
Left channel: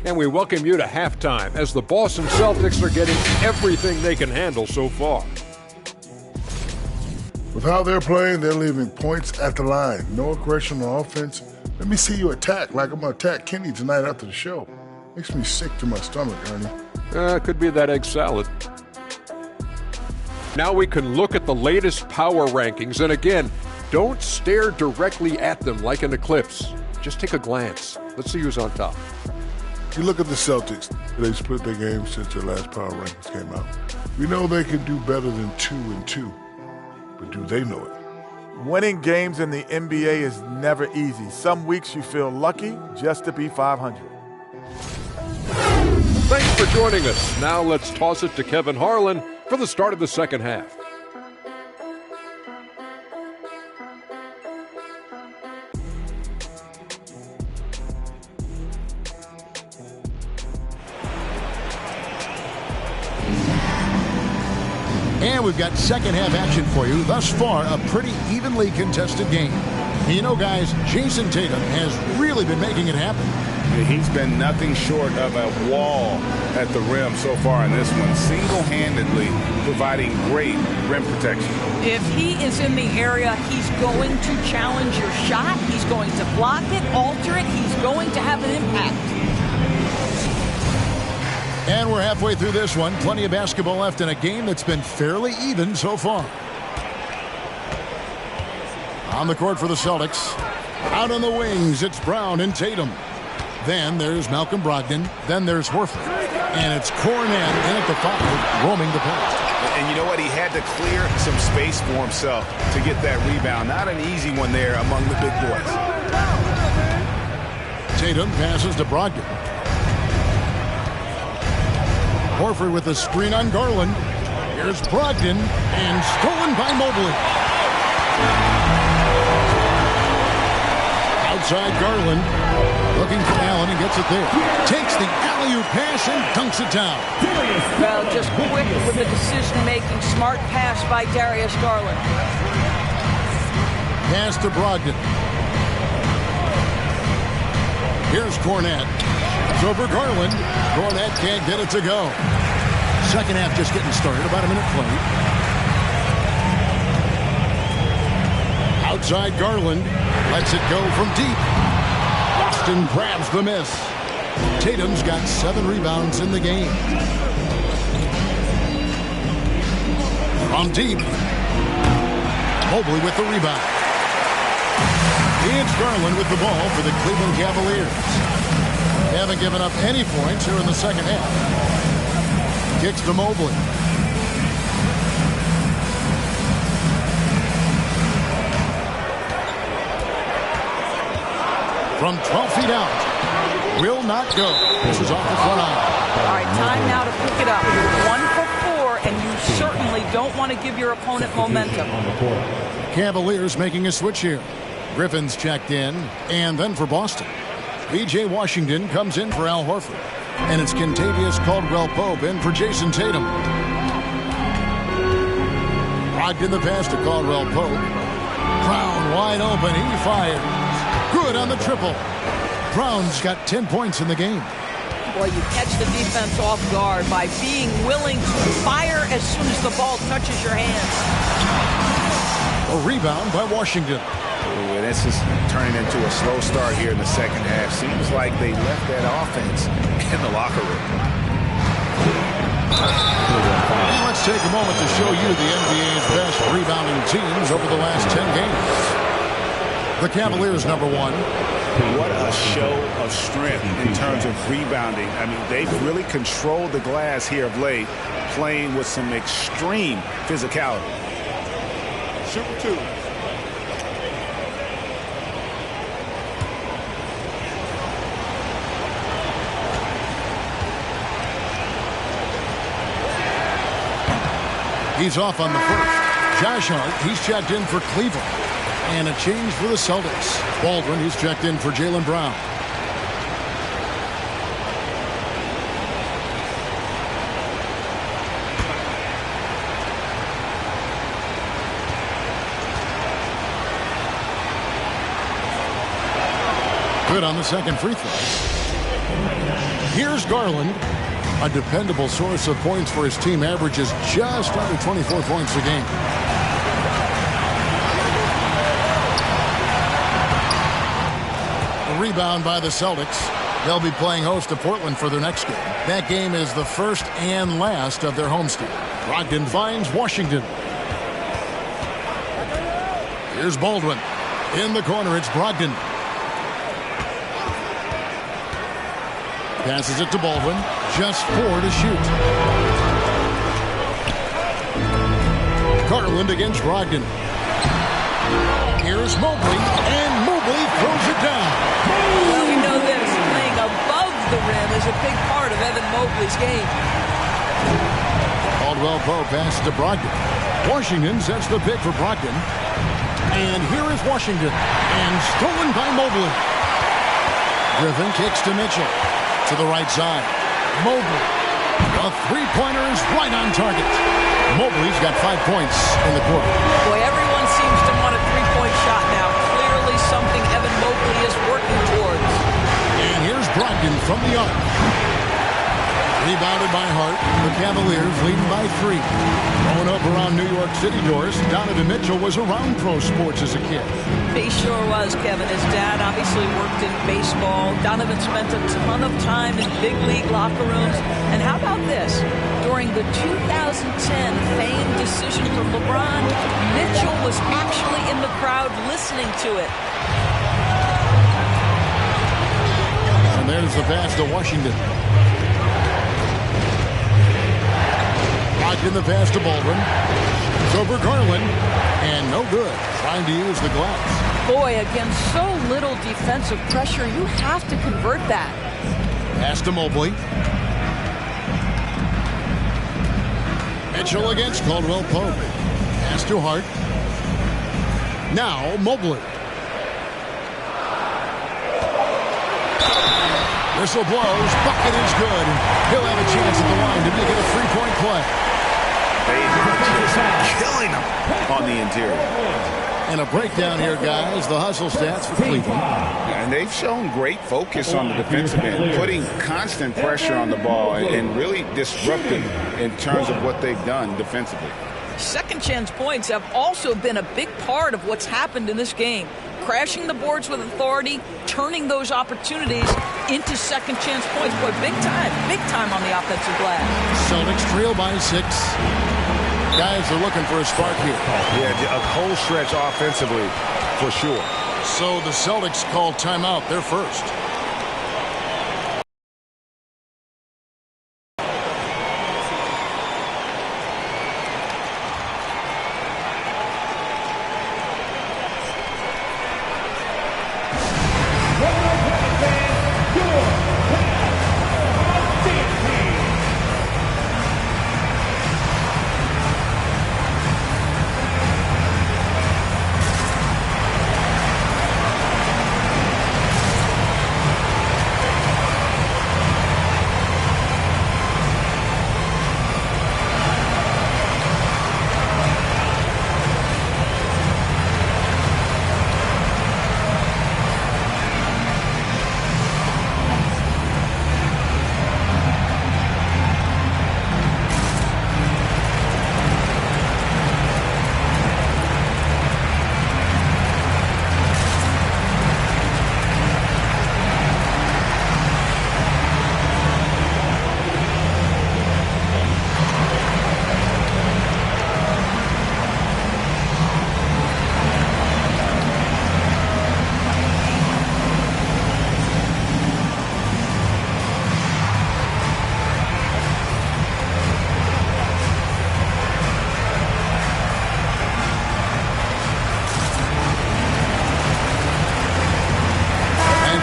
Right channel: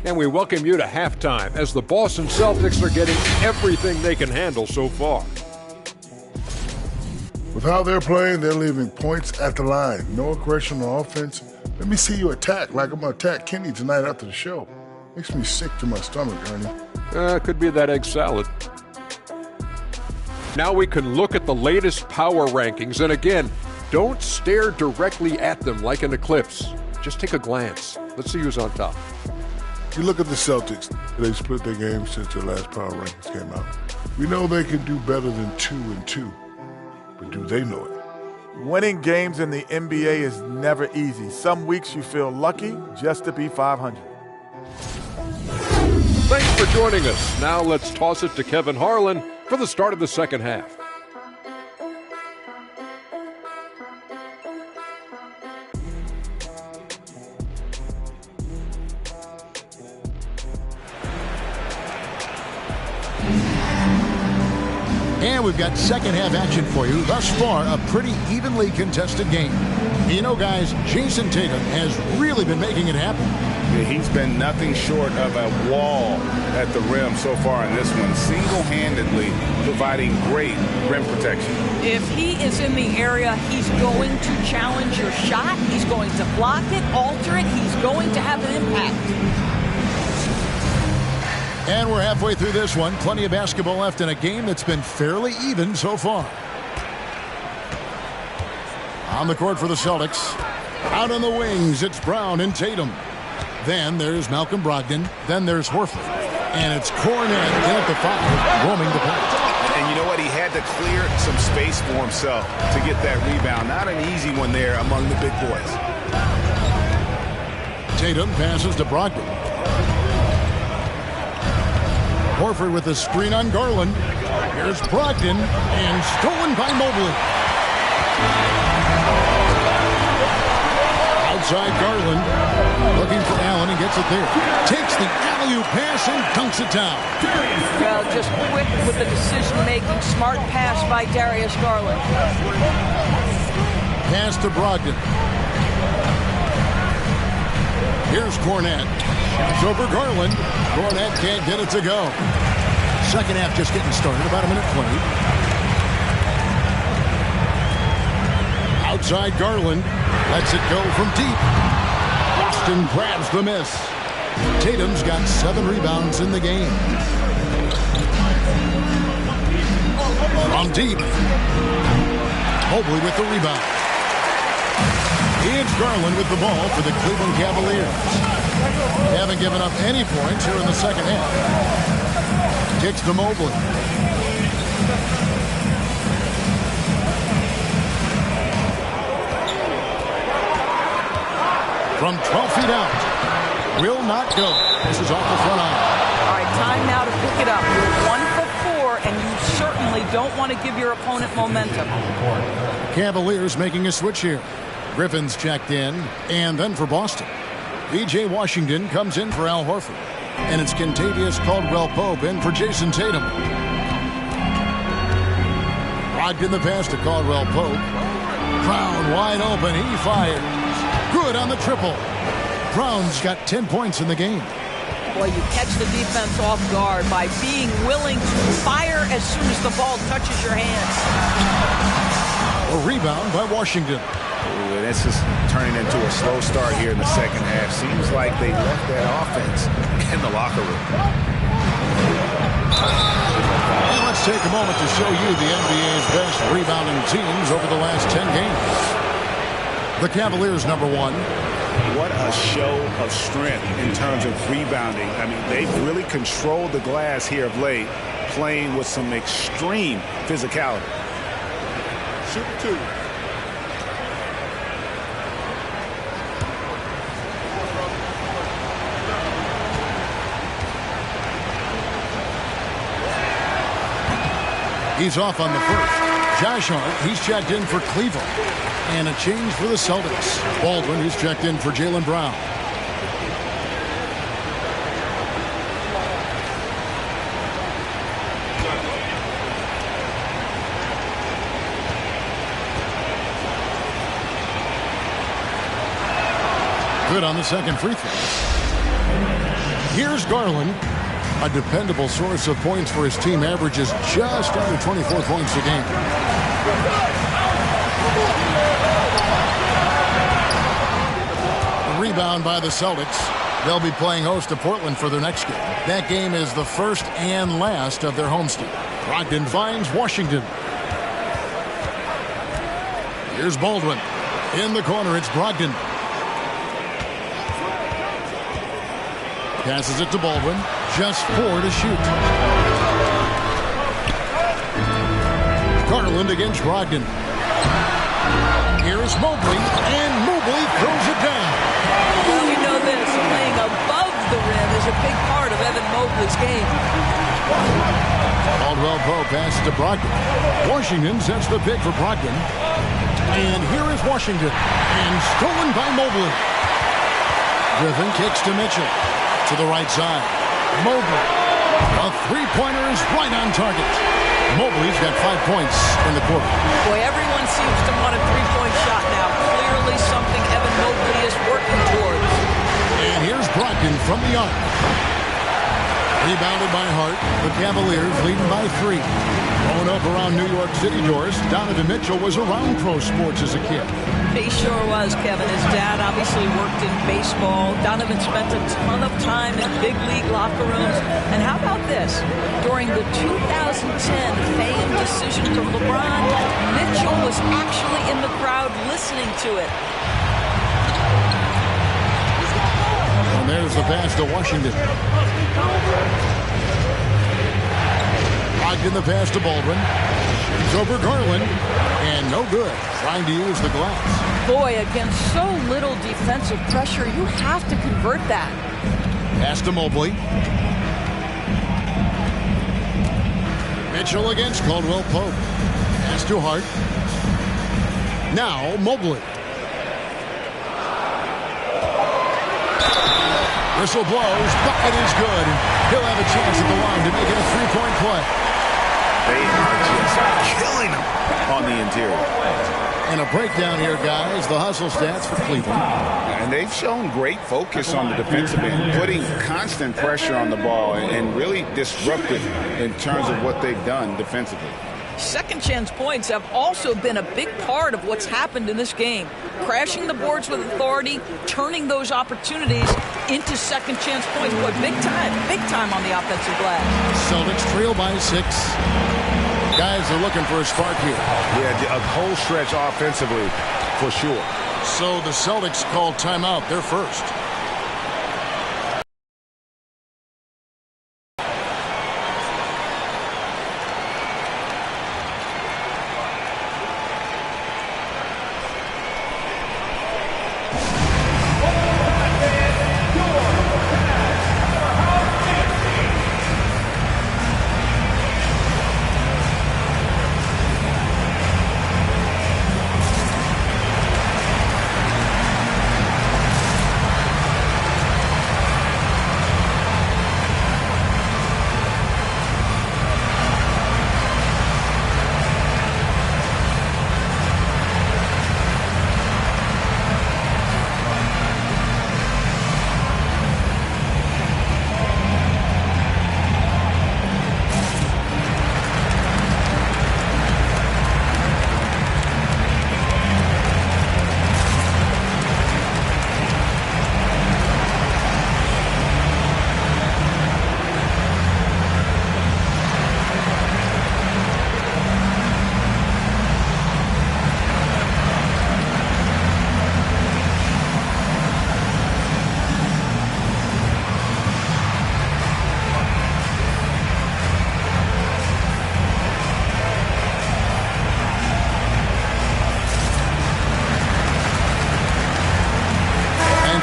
And we welcome you to halftime as the Boston Celtics are getting everything they can handle so far. With how they're playing, they're leaving points at the line. No aggression on offense. Let me see you attack like I'm going to attack Kenny tonight after the show. Makes me sick to my stomach, Ernie. Could be that egg salad. Now we can look at the latest power rankings. And again, don't stare directly at them like an eclipse. Just take a glance. Let's see who's on top. You look at the Celtics. They've split their games since their last power rankings came out. We know they can do better than 2-2. But do they know it? Winning games in the NBA is never easy. Some weeks you feel lucky just to be 500. Thanks for joining us. Now let's toss it to Kevin Harlan for the start of the second half. And we've got second half action for you. Thus far, a pretty evenly contested game. And you know, guys, Jason Tatum has really been making it happen. Yeah, he's been nothing short of a wall at the rim so far in this one, single-handedly providing great rim protection. If he is in the area, he's going to challenge your shot. He's going to block it, alter it. He's going to have an impact. And we're halfway through this one. Plenty of basketball left in a game that's been fairly even so far. On the court for the Celtics. Out on the wings, it's Brown and Tatum. Then there's Malcolm Brogdon. Then there's Horford. And it's Kornet in at the 5, roaming the paint. And you know what? He had to clear some space for himself to get that rebound. Not an easy one there among the big boys. Tatum passes to Brogdon. Horford with a screen on Garland. Here's Brogdon, and stolen by Mobley. Outside Garland, looking for Allen, and gets it there. Takes the alley-oop pass and dunks it down. Well, just quick with the decision-making, smart pass by Darius Garland. Pass to Brogdon. Here's Kornet. Shoots over Garland. Kornet can't get it to go. Second half just getting started. About a minute played. Outside Garland. Lets it go from deep. Boston grabs the miss. Tatum's got 7 rebounds in the game. From deep. Mobley with the rebound. It's Garland with the ball for the Cleveland Cavaliers. They haven't given up any points here in the second half. Kicks to Mobley. From 12 feet out. Will not go. This is off the front iron. All right, time now to pick it up. You're 1 for 4 and you certainly don't want to give your opponent momentum. Cavaliers making a switch here. Griffin's checked in, and then for Boston, P.J. Washington comes in for Al Horford, and it's Kentavious Caldwell-Pope in for Jason Tatum. Brogdon the pass to Caldwell-Pope. Brown wide open. He fires. Good on the triple. Brown's got 10 points in the game. Boy, you catch the defense off guard by being willing to fire as soon as the ball touches your hands. A rebound by Washington. Ooh, and this is turning into a slow start here in the second half. Seems like they left that offense in the locker room. And let's take a moment to show you the NBA's best rebounding teams over the last 10 games. The Cavaliers, number 1. What a show of strength in terms of rebounding. I mean, they've really controlled the glass here of late, playing with some extreme physicality. Shooting 2. He's off on the first. Josh Hart, he's checked in for Cleveland. And a change for the Celtics. Baldwin, he's checked in for Jaylen Brown. Good on the second free throw. Here's Garland. A dependable source of points for his team, averages just under 24 points a game. Rebound by the Celtics. They'll be playing host to Portland for their next game. That game is the first and last of their homestand. Brogdon finds Washington. Here's Baldwin. In the corner, it's Brogdon. Passes it to Baldwin. Just 4 to shoot. Garland against Brogdon. Here's Mobley, and Mobley throws it down. Well, we know this. Playing above the rim is a big part of Evan Mobley's game. Caldwell-Pope passes to Brogdon. Washington sets the pick for Brogdon. And here is Washington. And stolen by Mobley. Griffin kicks to Mitchell. To the right side. Mobley. A three-pointer is right on target. Mobley's got 5 points in the quarter. Boy, everyone seems to want a three-point shot now. Clearly something Evan Mobley is working towards. And here's Brogdon from the arc. Rebounded by Hart. The Cavaliers leading by 3. Growing up around New York City doors, Donovan Mitchell was around pro sports as a kid. He sure was, Kevin. His dad obviously worked in baseball. Donovan spent a ton of time in big league locker rooms. And how about this? During the 2010 famed decision from LeBron, Mitchell was actually in the crowd listening to it. And there's the pass to Washington. Locked in the pass to Baldwin. Shoots over Garland. And no good. Trying to use the glass. Boy, against so little defensive pressure, you have to convert that. Pass to Mobley. Mitchell against Caldwell-Pope. Pass to Hart. Now Mobley. Whistle blows. Bucket is good. He'll have a chance at the line to make it a three-point play. They are just killing them on the interior. And a breakdown here, guys. The hustle stats for Cleveland. And they've shown great focus on the defensive end, putting constant pressure on the ball and really disruptive in terms of what they've done defensively. Second chance points have also been a big part of what's happened in this game. Crashing the boards with authority, turning those opportunities into second chance points. Boy, big time on the offensive glass. Celtics trail by 6. Guys are looking for a spark here. Yeah, a whole stretch offensively for sure. So the Celtics call timeout. They're first.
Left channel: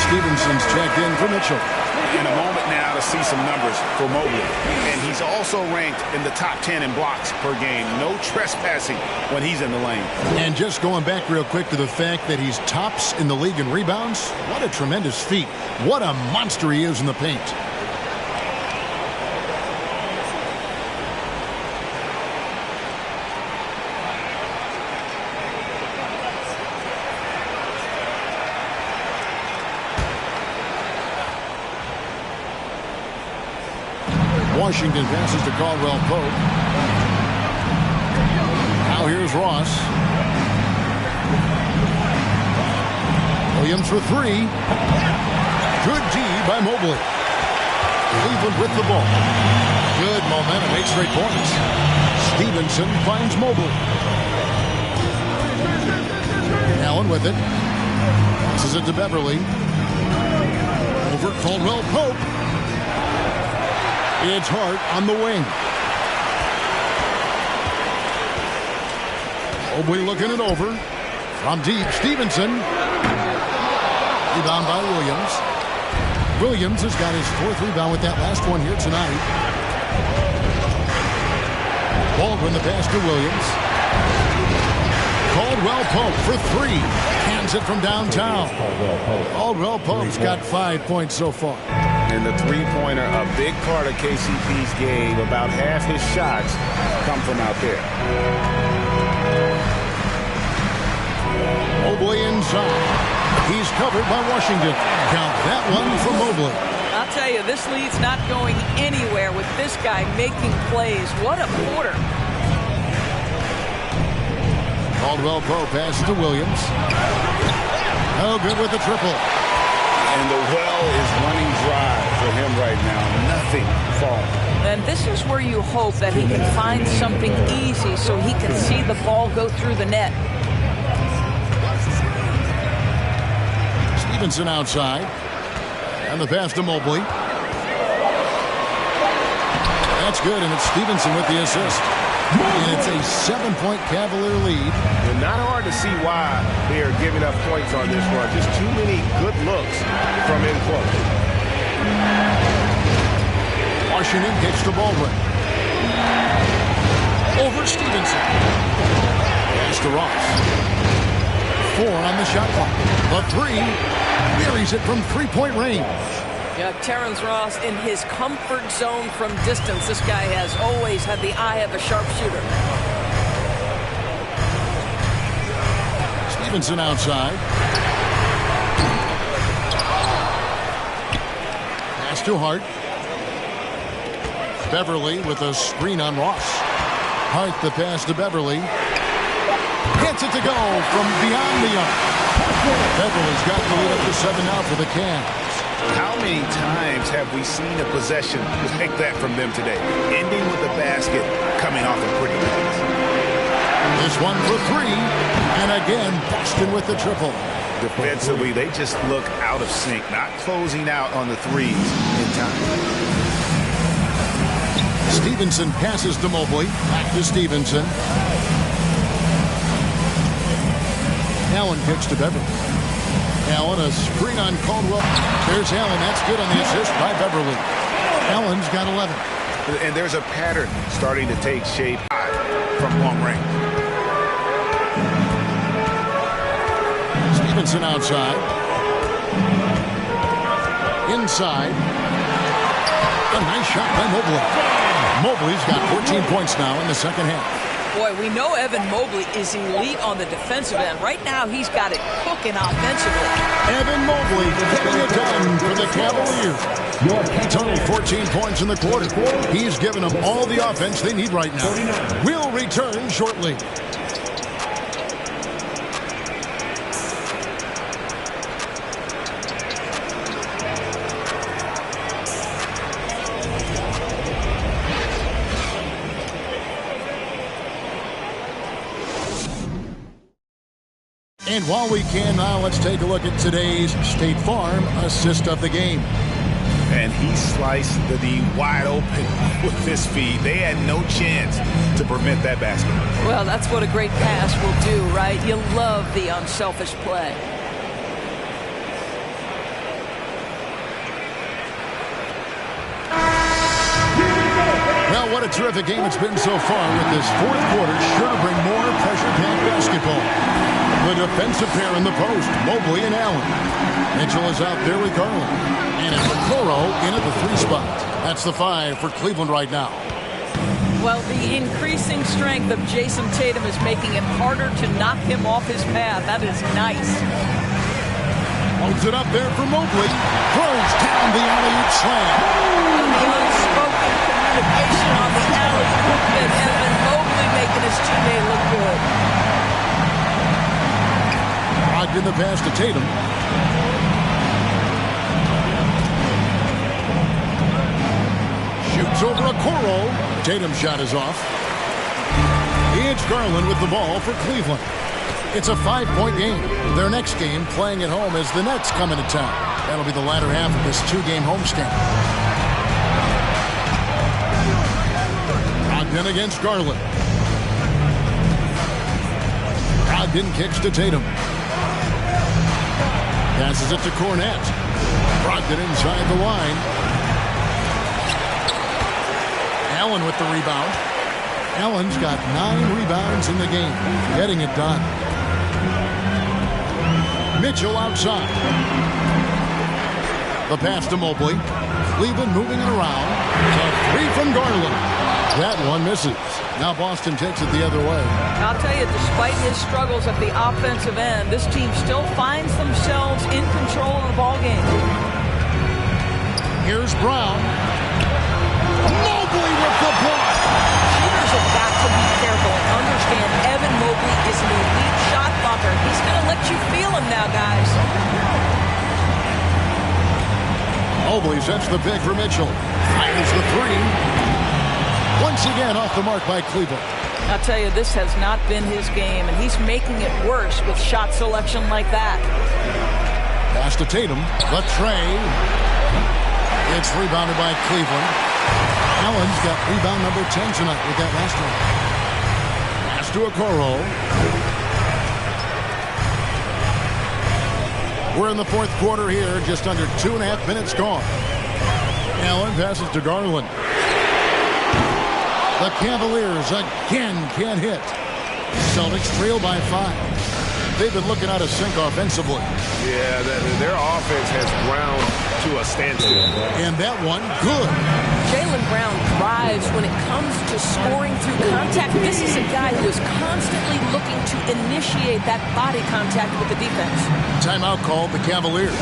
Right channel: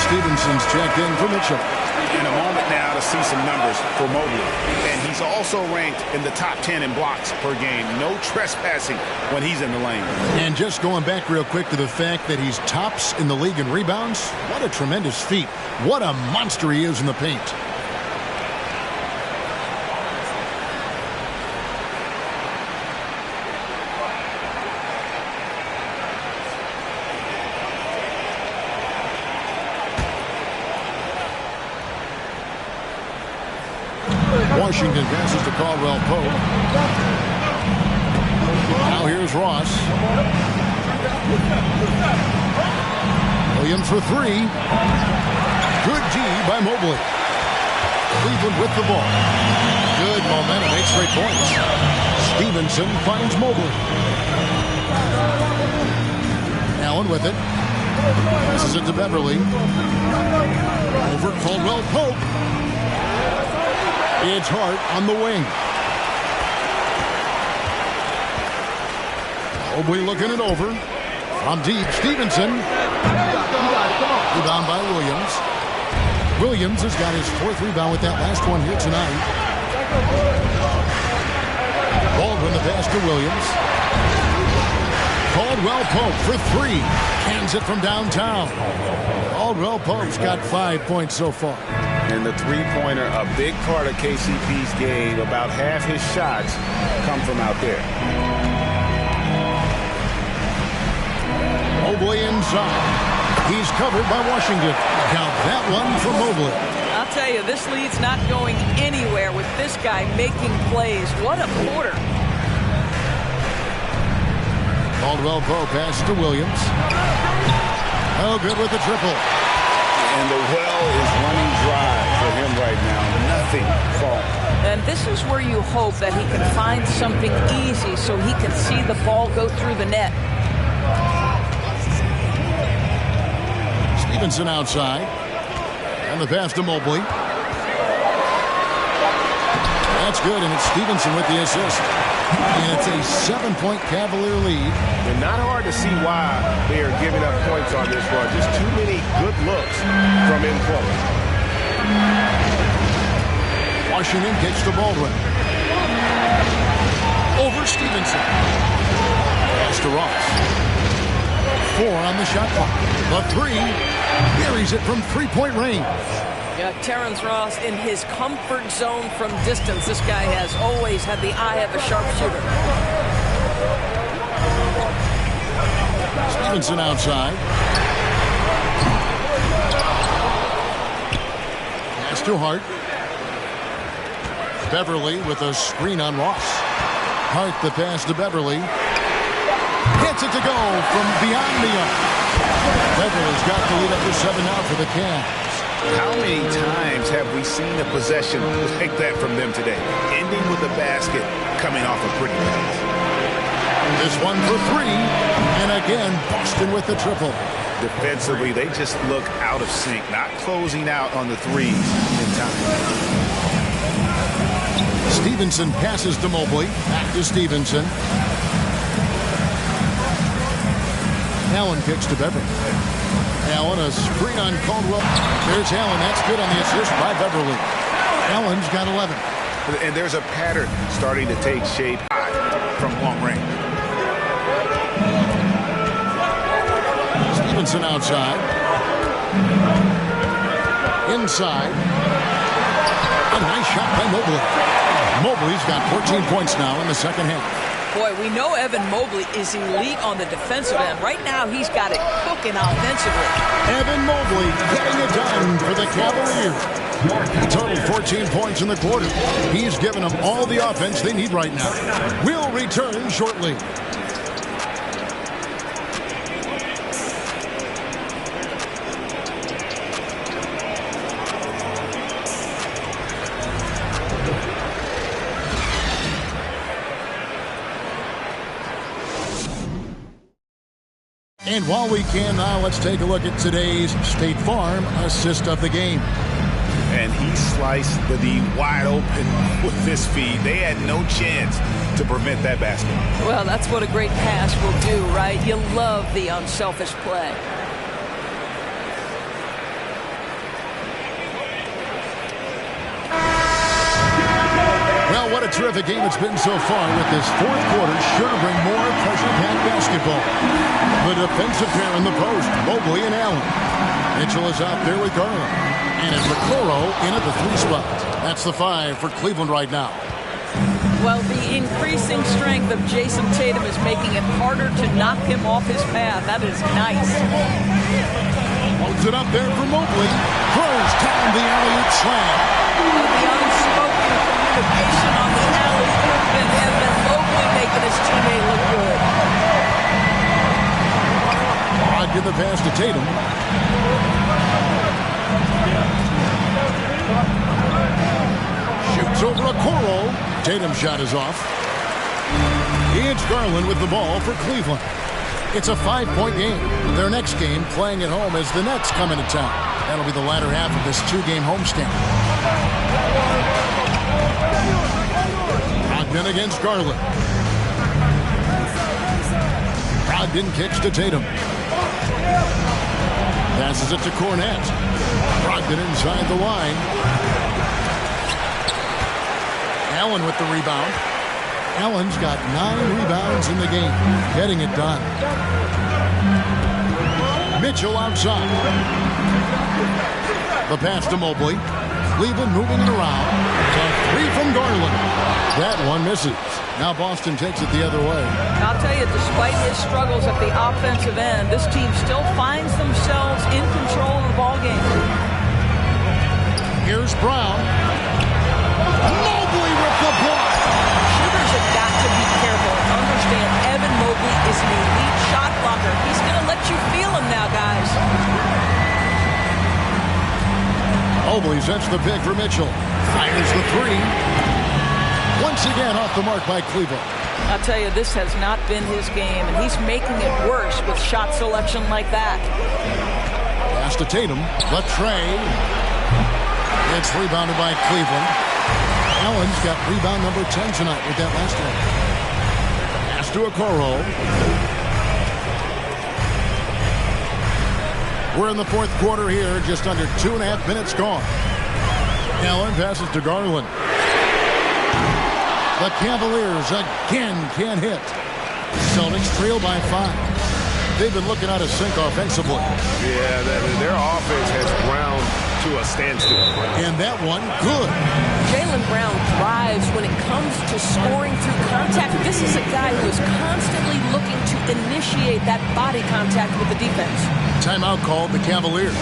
Stevenson's checked in for Mitchell. In a moment now to see some numbers for Mobley. And he's also ranked in the top 10 in blocks per game. No trespassing when he's in the lane. And just going back real quick to the fact that he's tops in the league in rebounds. What a tremendous feat. What a monster he is in the paint. Washington passes to Caldwell Pope. Now here's Ross. Williams for three. Good D by Mobley. Cleveland with the ball. Good momentum, 8 straight points. Stevenson finds Mobley. Allen with it. Passes it to Beverly. Over Caldwell Pope. It's Hart on the wing. Mobley looking it over. From deep, Stevenson. Rebound by Williams. Williams has got his 4th rebound with that last one here tonight. Baldwin the pass to Williams. Caldwell Pope for 3. Cans it from downtown. Caldwell Pope's got 5 points so far. And the three-pointer, a big part of KCP's game. About half his shots come from out there. Mobley inside. He's covered by Washington. Count that one from Mobley. I'll tell you, this lead's not going anywhere with this guy making plays. What a quarter. Caldwell Pope passes to Williams. Oh, good with the triple. And the well is running dry for him right now. Nothing falling. And this is where you hope that he can find something easy so he can see the ball go through the net. Stevenson outside. And the pass to Mobley. That's good, and it's Stevenson with the assist. And it's a 7-point Cavalier lead. And not hard to see why they are giving up points on this run. Just too many good looks from in close. Washington gets to Baldwin. Over Stevenson. Pass to Ross. 4 on the shot clock. The 3 buries it from 3-point range. Yeah, Terrence Ross in his comfort zone from distance. This guy has always had the eye of a sharpshooter. Stevenson outside. Pass to Hart. Beverly with a screen on Ross. Hart the pass to Beverly. Gets it to go from beyond the arc. Beverly's got the lead up to 7 now for the Cavs. How many times have we seen a possession like that from them today? Ending with a basket, coming off a pretty pass. This one for 3. And again, Boston with the triple. Defensively, they just look out of sync, not closing out on the threes in time. Stevenson passes to Mobley. Back to Stevenson. Allen kicks to Beverly. Allen, a screen on Caldwell. There's Allen. That's good on the assist by Beverly. Allen's got 11. And there's a pattern starting to take shape from long range. Stevenson outside. Inside. A nice shot by Mobley. Mobley's got 14 points now in the second half. Boy, we know Evan Mobley is elite on the defensive end. Right now, he's got it cooking offensively. Evan Mobley getting it done for the Cavaliers. He totaled 14 points in the quarter. He's given them all the offense they need right now. We'll return shortly. And while we can now, let's take a look at today's State Farm assist of the game. And he sliced the D wide open with this feed. They had no chance to prevent that basket. Well, that's what a great pass will do, right? You love the unselfish play. Well, what a terrific game it's been so far with this fourth quarter. Sure to bring more pressure-packed basketball. The defensive pair in the post, Mobley and Allen. Mitchell is out there with Garland. And it's Okoro in at the 3 spot. That's the 5 for Cleveland right now. Well, the increasing strength of Jason Tatum is making it harder to knock him off his path. That is nice. Holds it up there for Mobley. Throws down the alley-oop slam. And the unspoken communication on the alley-oop, and Evan Mobley making his teammate look good. Brogdon the pass to Tatum. Shoots over Okoro. Tatum's shot is off. Here's Garland with the ball for Cleveland. It's a 5-point game. Their next game playing at home as the Nets come into town. That'll be the latter half of this 2-game homestand. Brogdon against Garland. Brogdon kicks to Tatum. Passes it to Cornette. Brogdon inside the line. Allen with the rebound. Allen's got 9 rebounds in the game. Getting it done. Mitchell outside. The pass to Mobley. Cleveland moving it around. The 3 from Garland. That one misses. Now Boston takes it the other way. I'll tell you, despite his struggles at the offensive end, this team still finds themselves in control of the ball game. Here's Brown. Mobley with the block. Shooters have got to be careful and understand Evan Mobley is an elite shot blocker. He's going to let you feel him now, guys. Mobley sets the pick for Mitchell. Fires the 3. Once again off the mark by Cleveland. I'll tell you, this has not been his game, and he's making it worse with shot selection like that. Pass to Tatum. The tray. It's rebounded by Cleveland. Allen's got rebound number 10 tonight with that last one. Pass to Okoro. We're in the fourth quarter here, just under 2.5 minutes gone. Allen passes to Garland. The Cavaliers again can't hit. Celtics trail by 5. They've been looking out of sync offensively. Yeah, their offense has ground to a standstill. And that one, good. Jaylen Brown thrives when it comes to scoring through contact. This is a guy who is constantly looking to initiate that body contact with the defense. Timeout called the Cavaliers.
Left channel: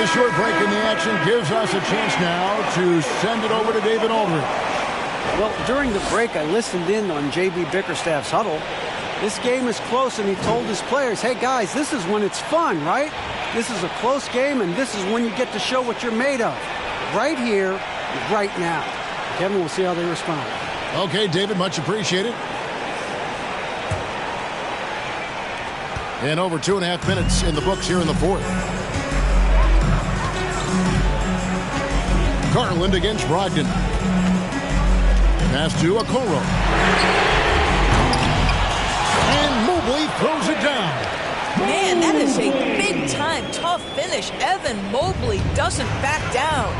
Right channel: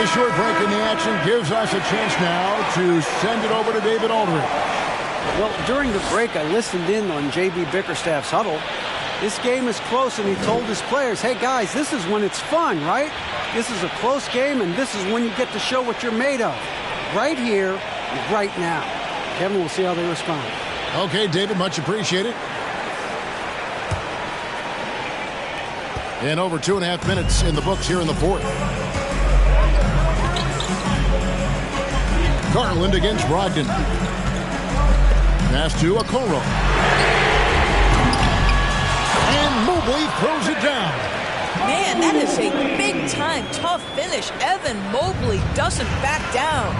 The short break in the action gives us a chance now to send it over to David Aldridge. Well, during the break, I listened in on J.B. Bickerstaff's huddle. This game is close, and he told his players, hey, guys, this is when it's fun, right? This is a close game, and this is when you get to show what you're made of. Right here, right now. Kevin, we'll see how they respond. Okay, David, much appreciated. And over 2.5 minutes in the books here in the fourth. Garland against Brogdon. Pass to Okoro. And Mobley throws it down. Man, that is a big-time, tough finish. Evan Mobley doesn't back down.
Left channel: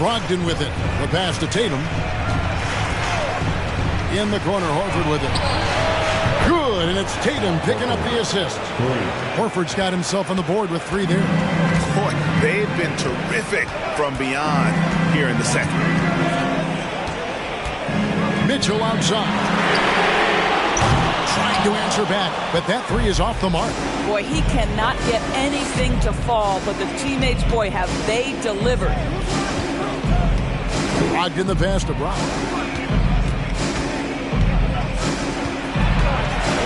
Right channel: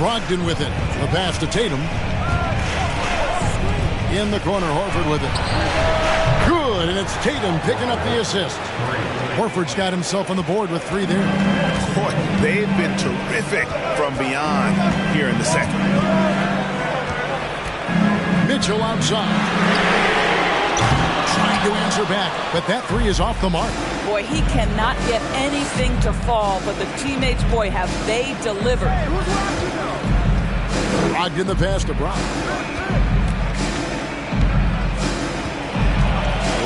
Brogdon with it. The pass to Tatum. In the corner, Horford with it. Good, and it's Tatum picking up the assist. Horford's got himself on the board with 3 there. Boy, they've been terrific from beyond here in the second. Mitchell outside. Trying to answer back, but that 3 is off the mark. Boy, he cannot get anything to fall, but the teammates, boy, have they delivered. Brogdon the pass to Brown.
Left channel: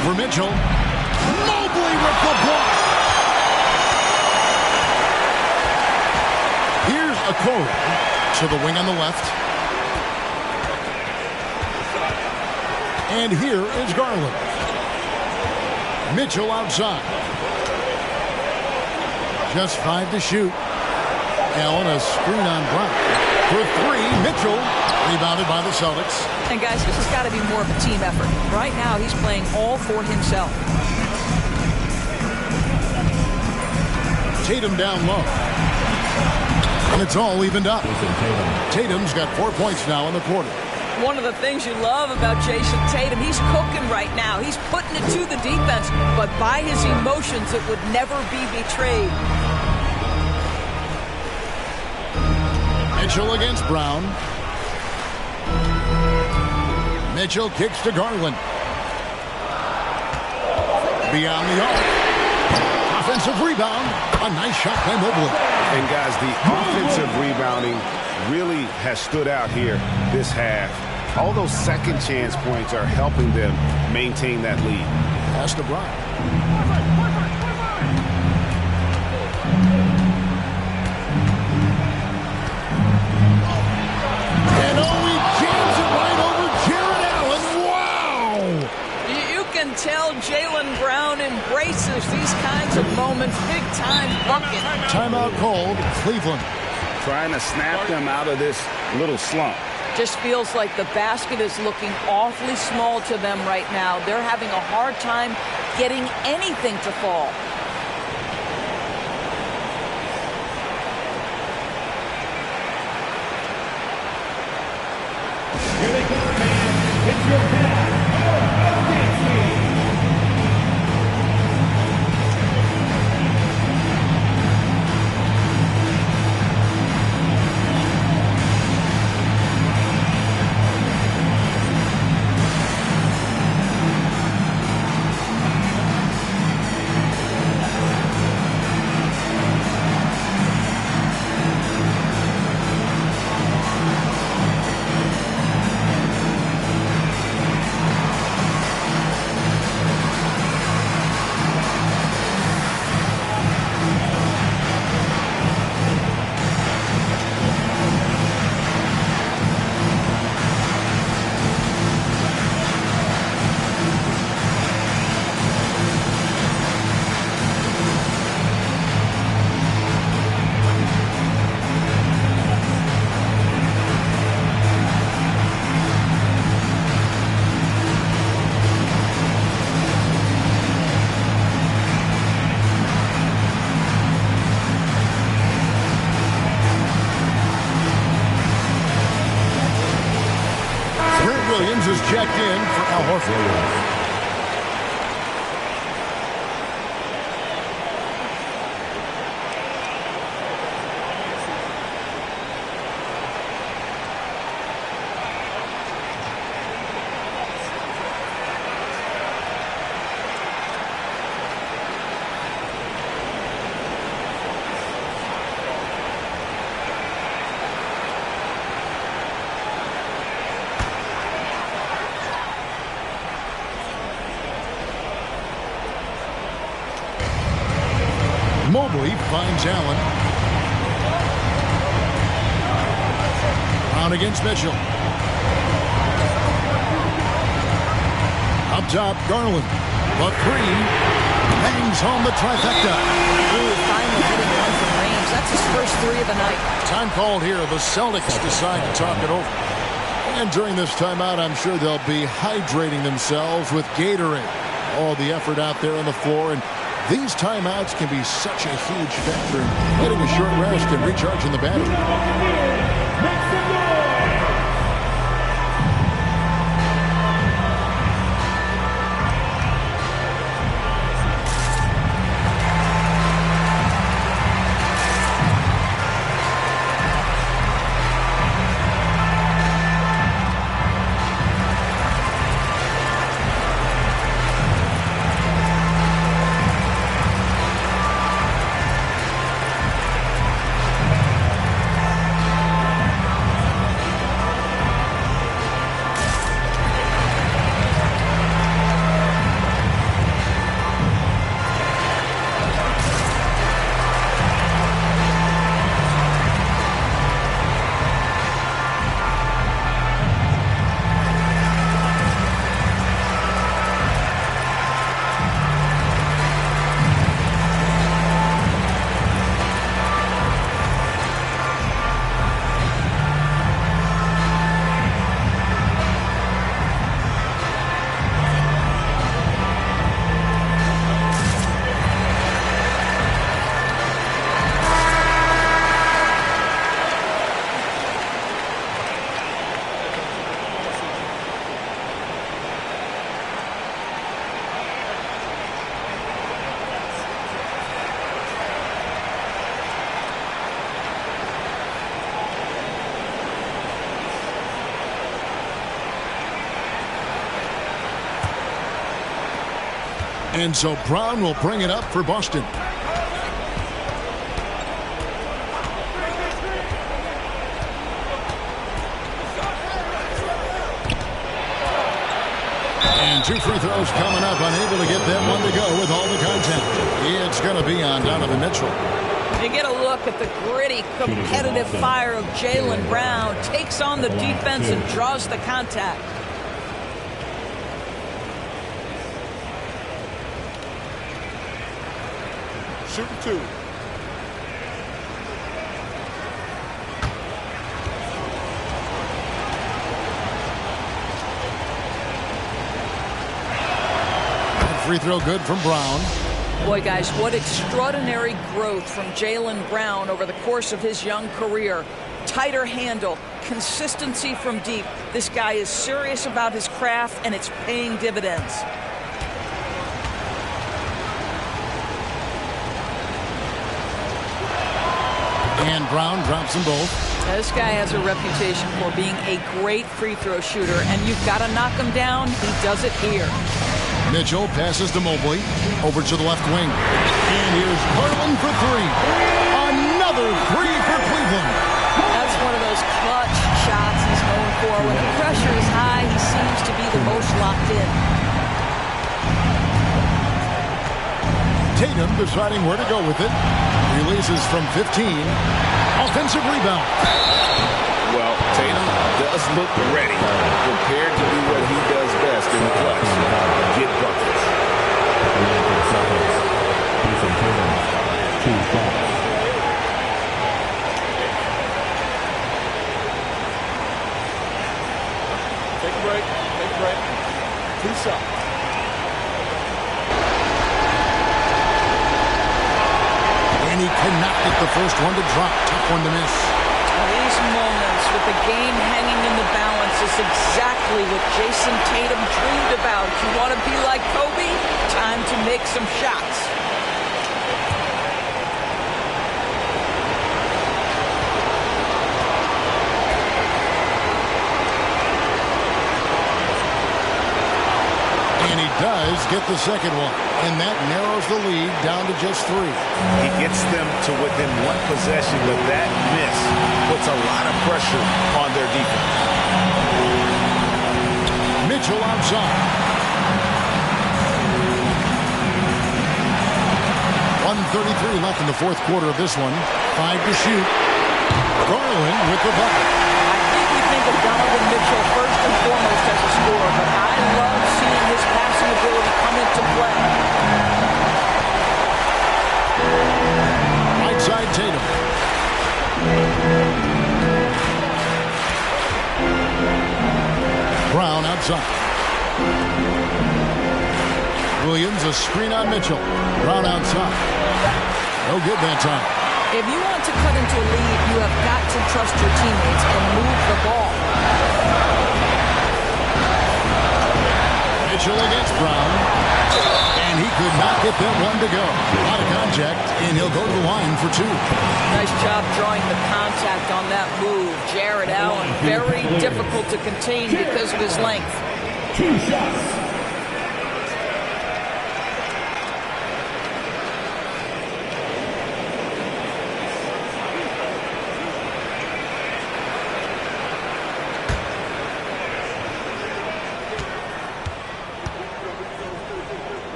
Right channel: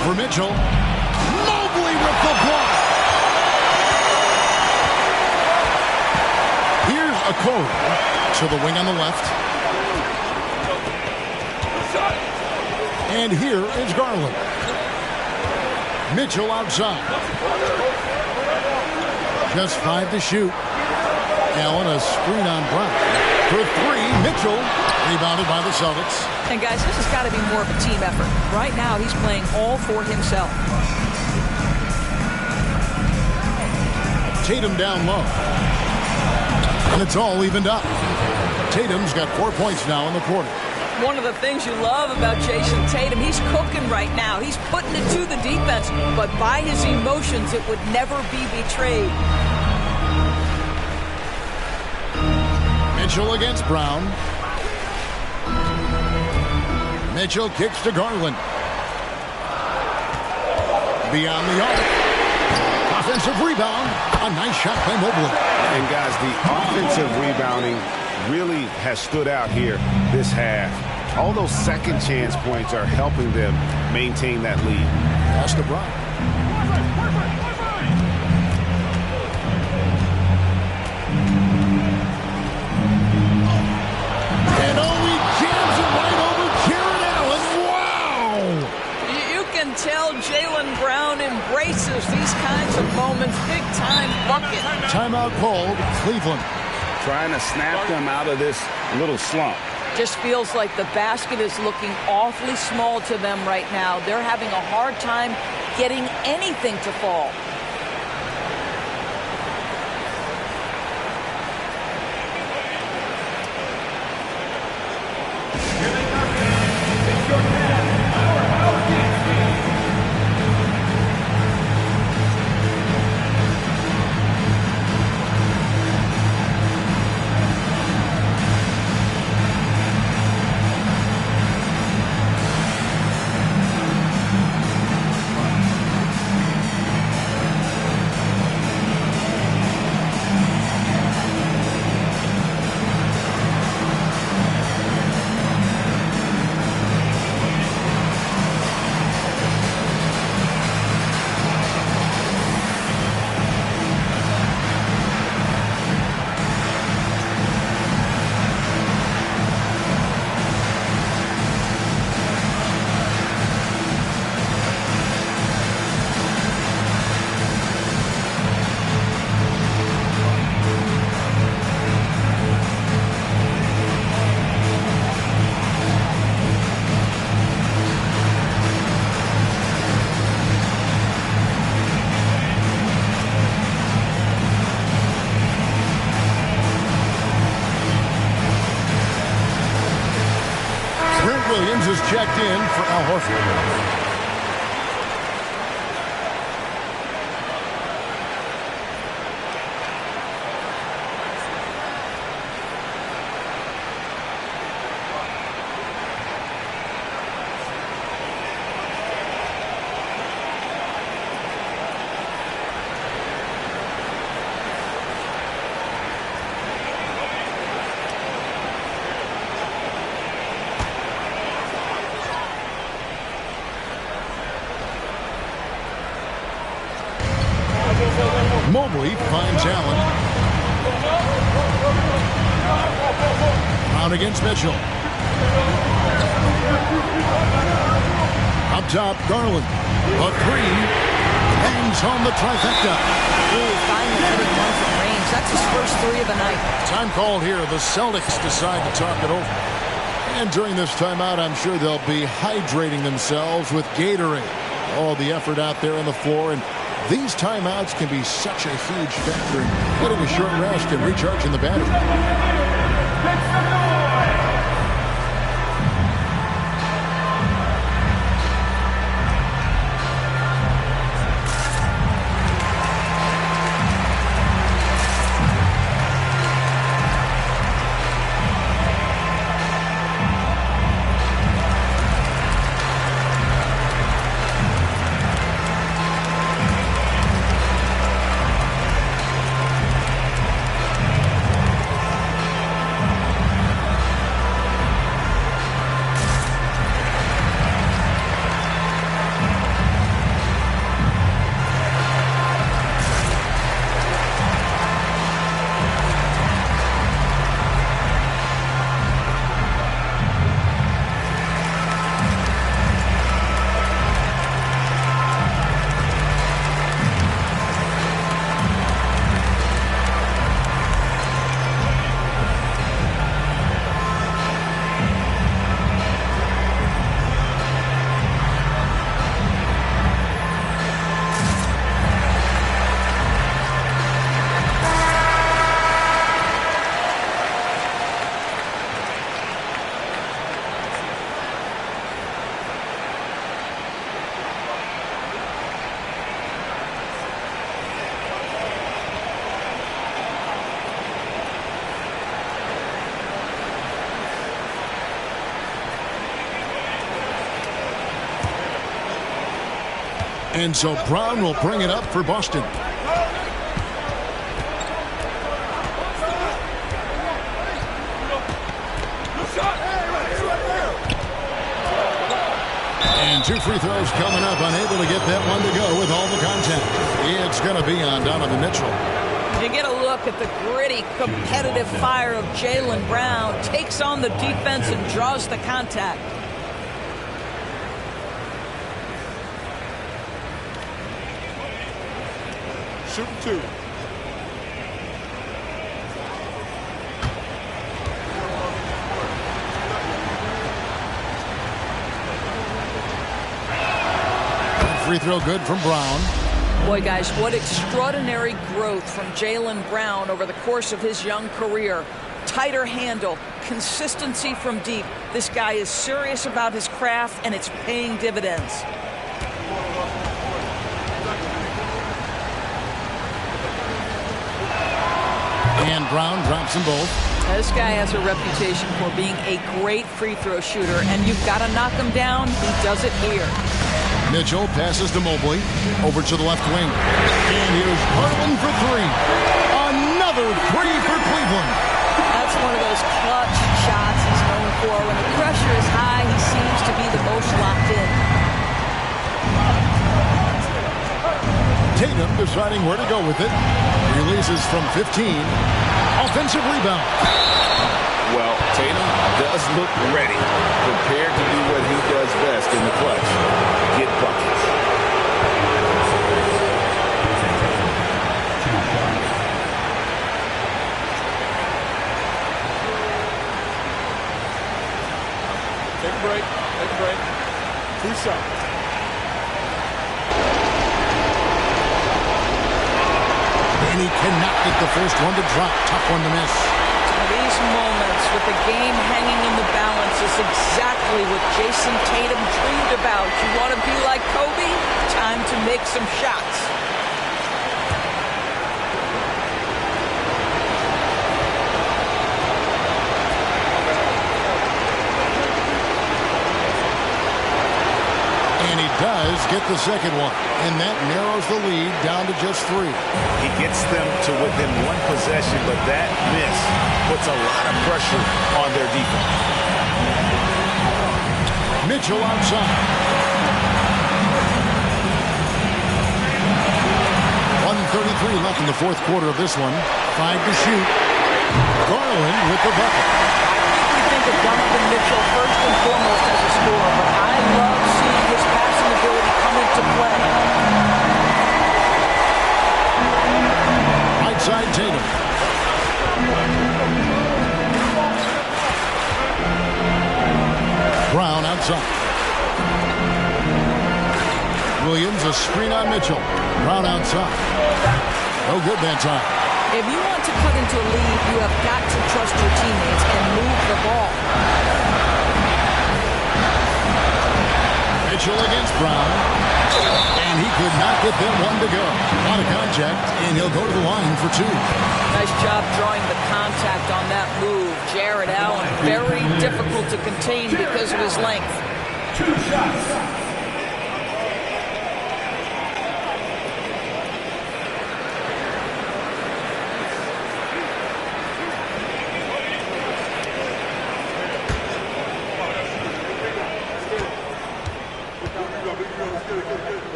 Over Mitchell. Mobley with the block. Here's Okoro to the wing on the left. And here is Garland. Mitchell outside. Just 5 to shoot. Allen a screen on Brown. For 3, Mitchell rebounded by the Celtics. And guys, this has got to be more of a team effort. Right now, he's playing all for himself. Tatum down low. And it's all evened up. Tatum's got 4 points now in the quarter. One of the things you love about Jason Tatum, he's cooking right now. He's putting it to the defense, but by his emotions, it would never be betrayed. Mitchell against Brown. Mitchell kicks to Garland. Beyond the arc. Offensive rebound. A nice shot by Mobley. And guys, the offensive rebounding really has stood out here this half. All those second chance points are helping them maintain that lead. Pass to Brown. And he jams it right over Jared Allen. Wow! You can tell Jaylen Brown embraces these kinds of moments. Big time bucket. Timeout called. Cleveland. Trying to snap them out of this little slump. Just feels like the basket is looking awfully small to them right now. They're having a hard time getting anything to fall. Williams is checked in for Al Horford. Mobley finds Allen. Brown against Mitchell. Up top, Garland. A 3. Bangs home the trifecta. Ooh, finally hitting one from range. That's his first 3 of the night. Time called here. The Celtics decide to talk it over. And during this timeout, I'm sure they'll be hydrating themselves with Gatorade. All the effort out there on the floor, and these timeouts can be such a huge factor in getting a short rest and recharging the battery. And so Brown will bring it up for Boston. And 2 free throws coming up, unable to get that one to go with all the contact. It's going to be on Donovan Mitchell. You get a look at the gritty, competitive fire of Jaylen Brown. Takes on the defense and draws the contact. Shooting 2. Free throw good from Brown. Boy, guys, what extraordinary growth from Jaylen Brown over the course of his young career. Tighter handle, consistency from deep. This guy is serious about his craft, and it's paying dividends. And Brown drops them both. Now, this guy has a reputation for being a great free throw shooter, and you've got to knock him down. He does it here. Mitchell passes to Mobley. Over to the left wing. And here's Garland for 3. Another 3 for Cleveland. That's one of those clutch shots he's known for. When the pressure is high, he seems to be the most locked in. Tatum deciding where to go with it. Releases from 15. Offensive rebound. Well, Tatum does look ready, prepared to do what he does best in the clutch, get buckets. Take a break. Take a break. 2 shots. And he cannot get the first one to drop. Tough one to miss. Now, these moments with the game hanging in the balance is exactly what Jason Tatum dreamed about. You want to be like Kobe? Time to make some shots. And he does get the second one. And that narrows the lead down to just 3. He gets them to within 1 possession, but that miss puts a lot of pressure on their defense. Mitchell outside. 1:33 left in the fourth quarter of this one. 5 to shoot. Garland with the bucket. I think we think of Donovan Mitchell first and foremost as a scorer, but I love seeing his passing ability come into play. Right side Tatum. Brown outside. Williams a screen on Mitchell. Brown outside. No good that time. If you want to cut into a lead, you have got to trust your teammates and move the ball. Mitchell against Brown. And he could not get that one to go. A lot of contact, and he'll go to the line for 2. Nice job drawing the contact on that move. Jarrett Allen, very difficult to contain because of his length. 2 shots.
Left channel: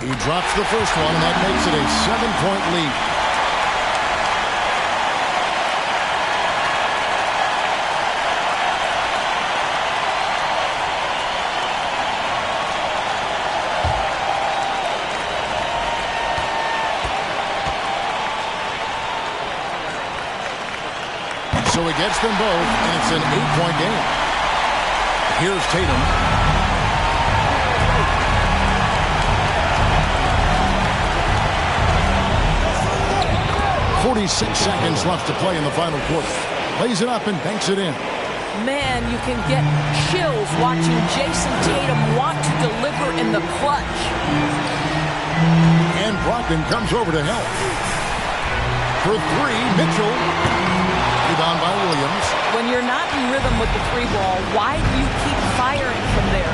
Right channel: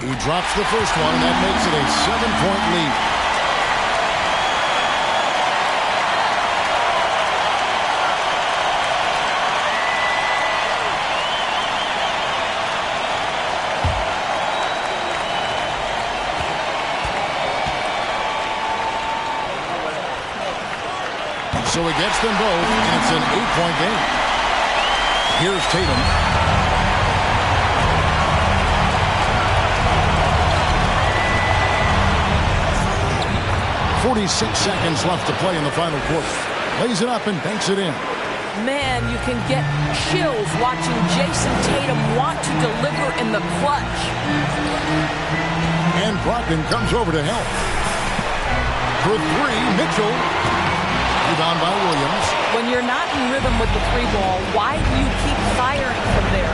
He drops the first one, and that makes it a 7-point lead. So he gets them both, and it's an 8-point game. Here's Tatum. 46 seconds left to play in the final quarter. Lays it up and banks it in. Man, you can get chills watching Jason Tatum want to deliver in the clutch. And Brogdon comes over to help. For 3, Mitchell. Rebound by Williams. When you're not in rhythm with the 3 ball, why do you keep firing from there?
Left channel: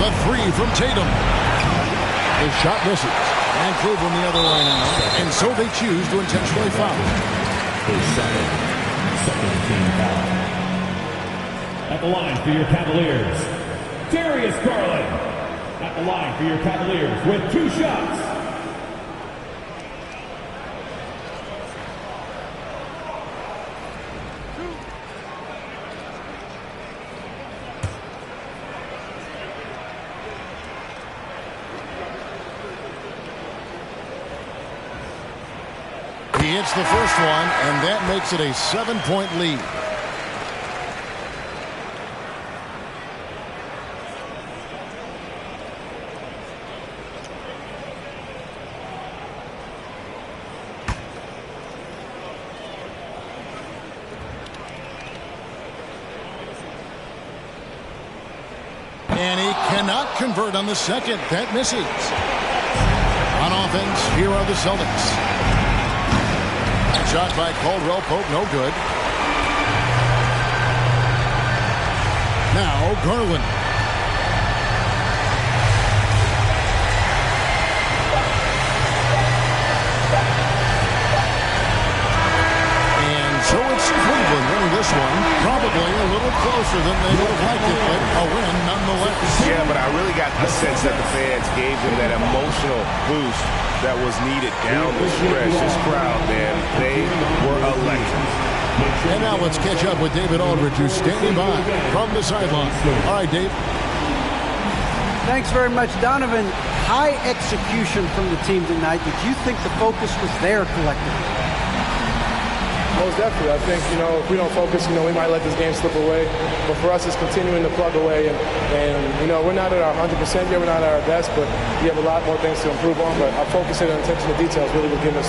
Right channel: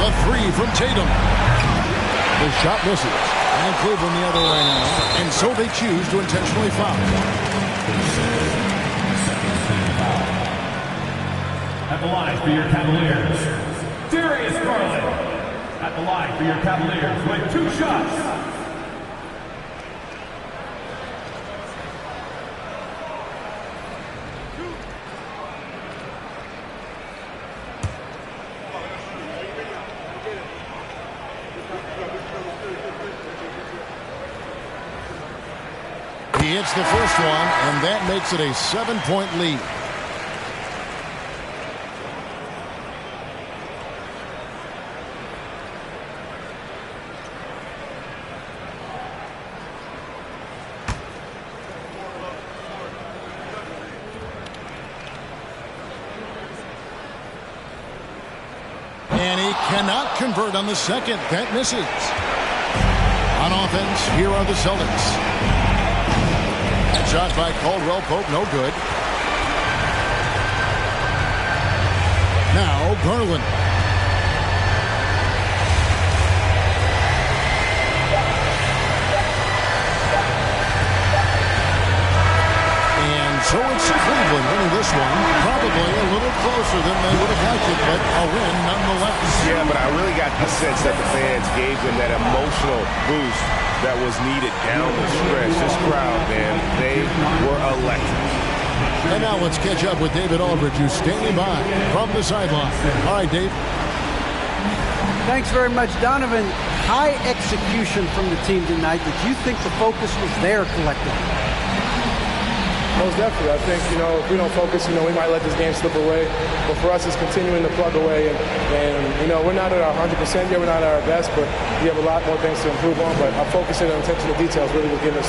The three from Tatum. The shot misses. And Cleveland the other way now. And so they choose to intentionally foul. At the line for your Cavaliers, Darius Garland. At the line for your Cavaliers with 2 shots. He hits the first one, and that makes it a 7-point lead. And he cannot convert on the second. That misses. On offense, here are the Celtics. That shot by Caldwell Pope, no good. Now Garland. And so it's Cleveland winning this one. Probably a little closer than they would have liked it, but a win nonetheless. Yeah, but I really got the sense that the fans gave them that emotional boost that was needed down the stretch. This crowd, man, they were electric. And now let's catch up with David Aldridge, who's standing by from the sideline. All right, Dave. Thanks very much, Donovan. High execution from the team tonight. Did you think the focus was there collectively? Most definitely. I think, if we don't focus, we might let this game slip away. But for us, it's continuing to plug away. And we're not at our 100% yet. We're not at our best, but we have a lot more things to improve on. But our focus and attention to details really will give us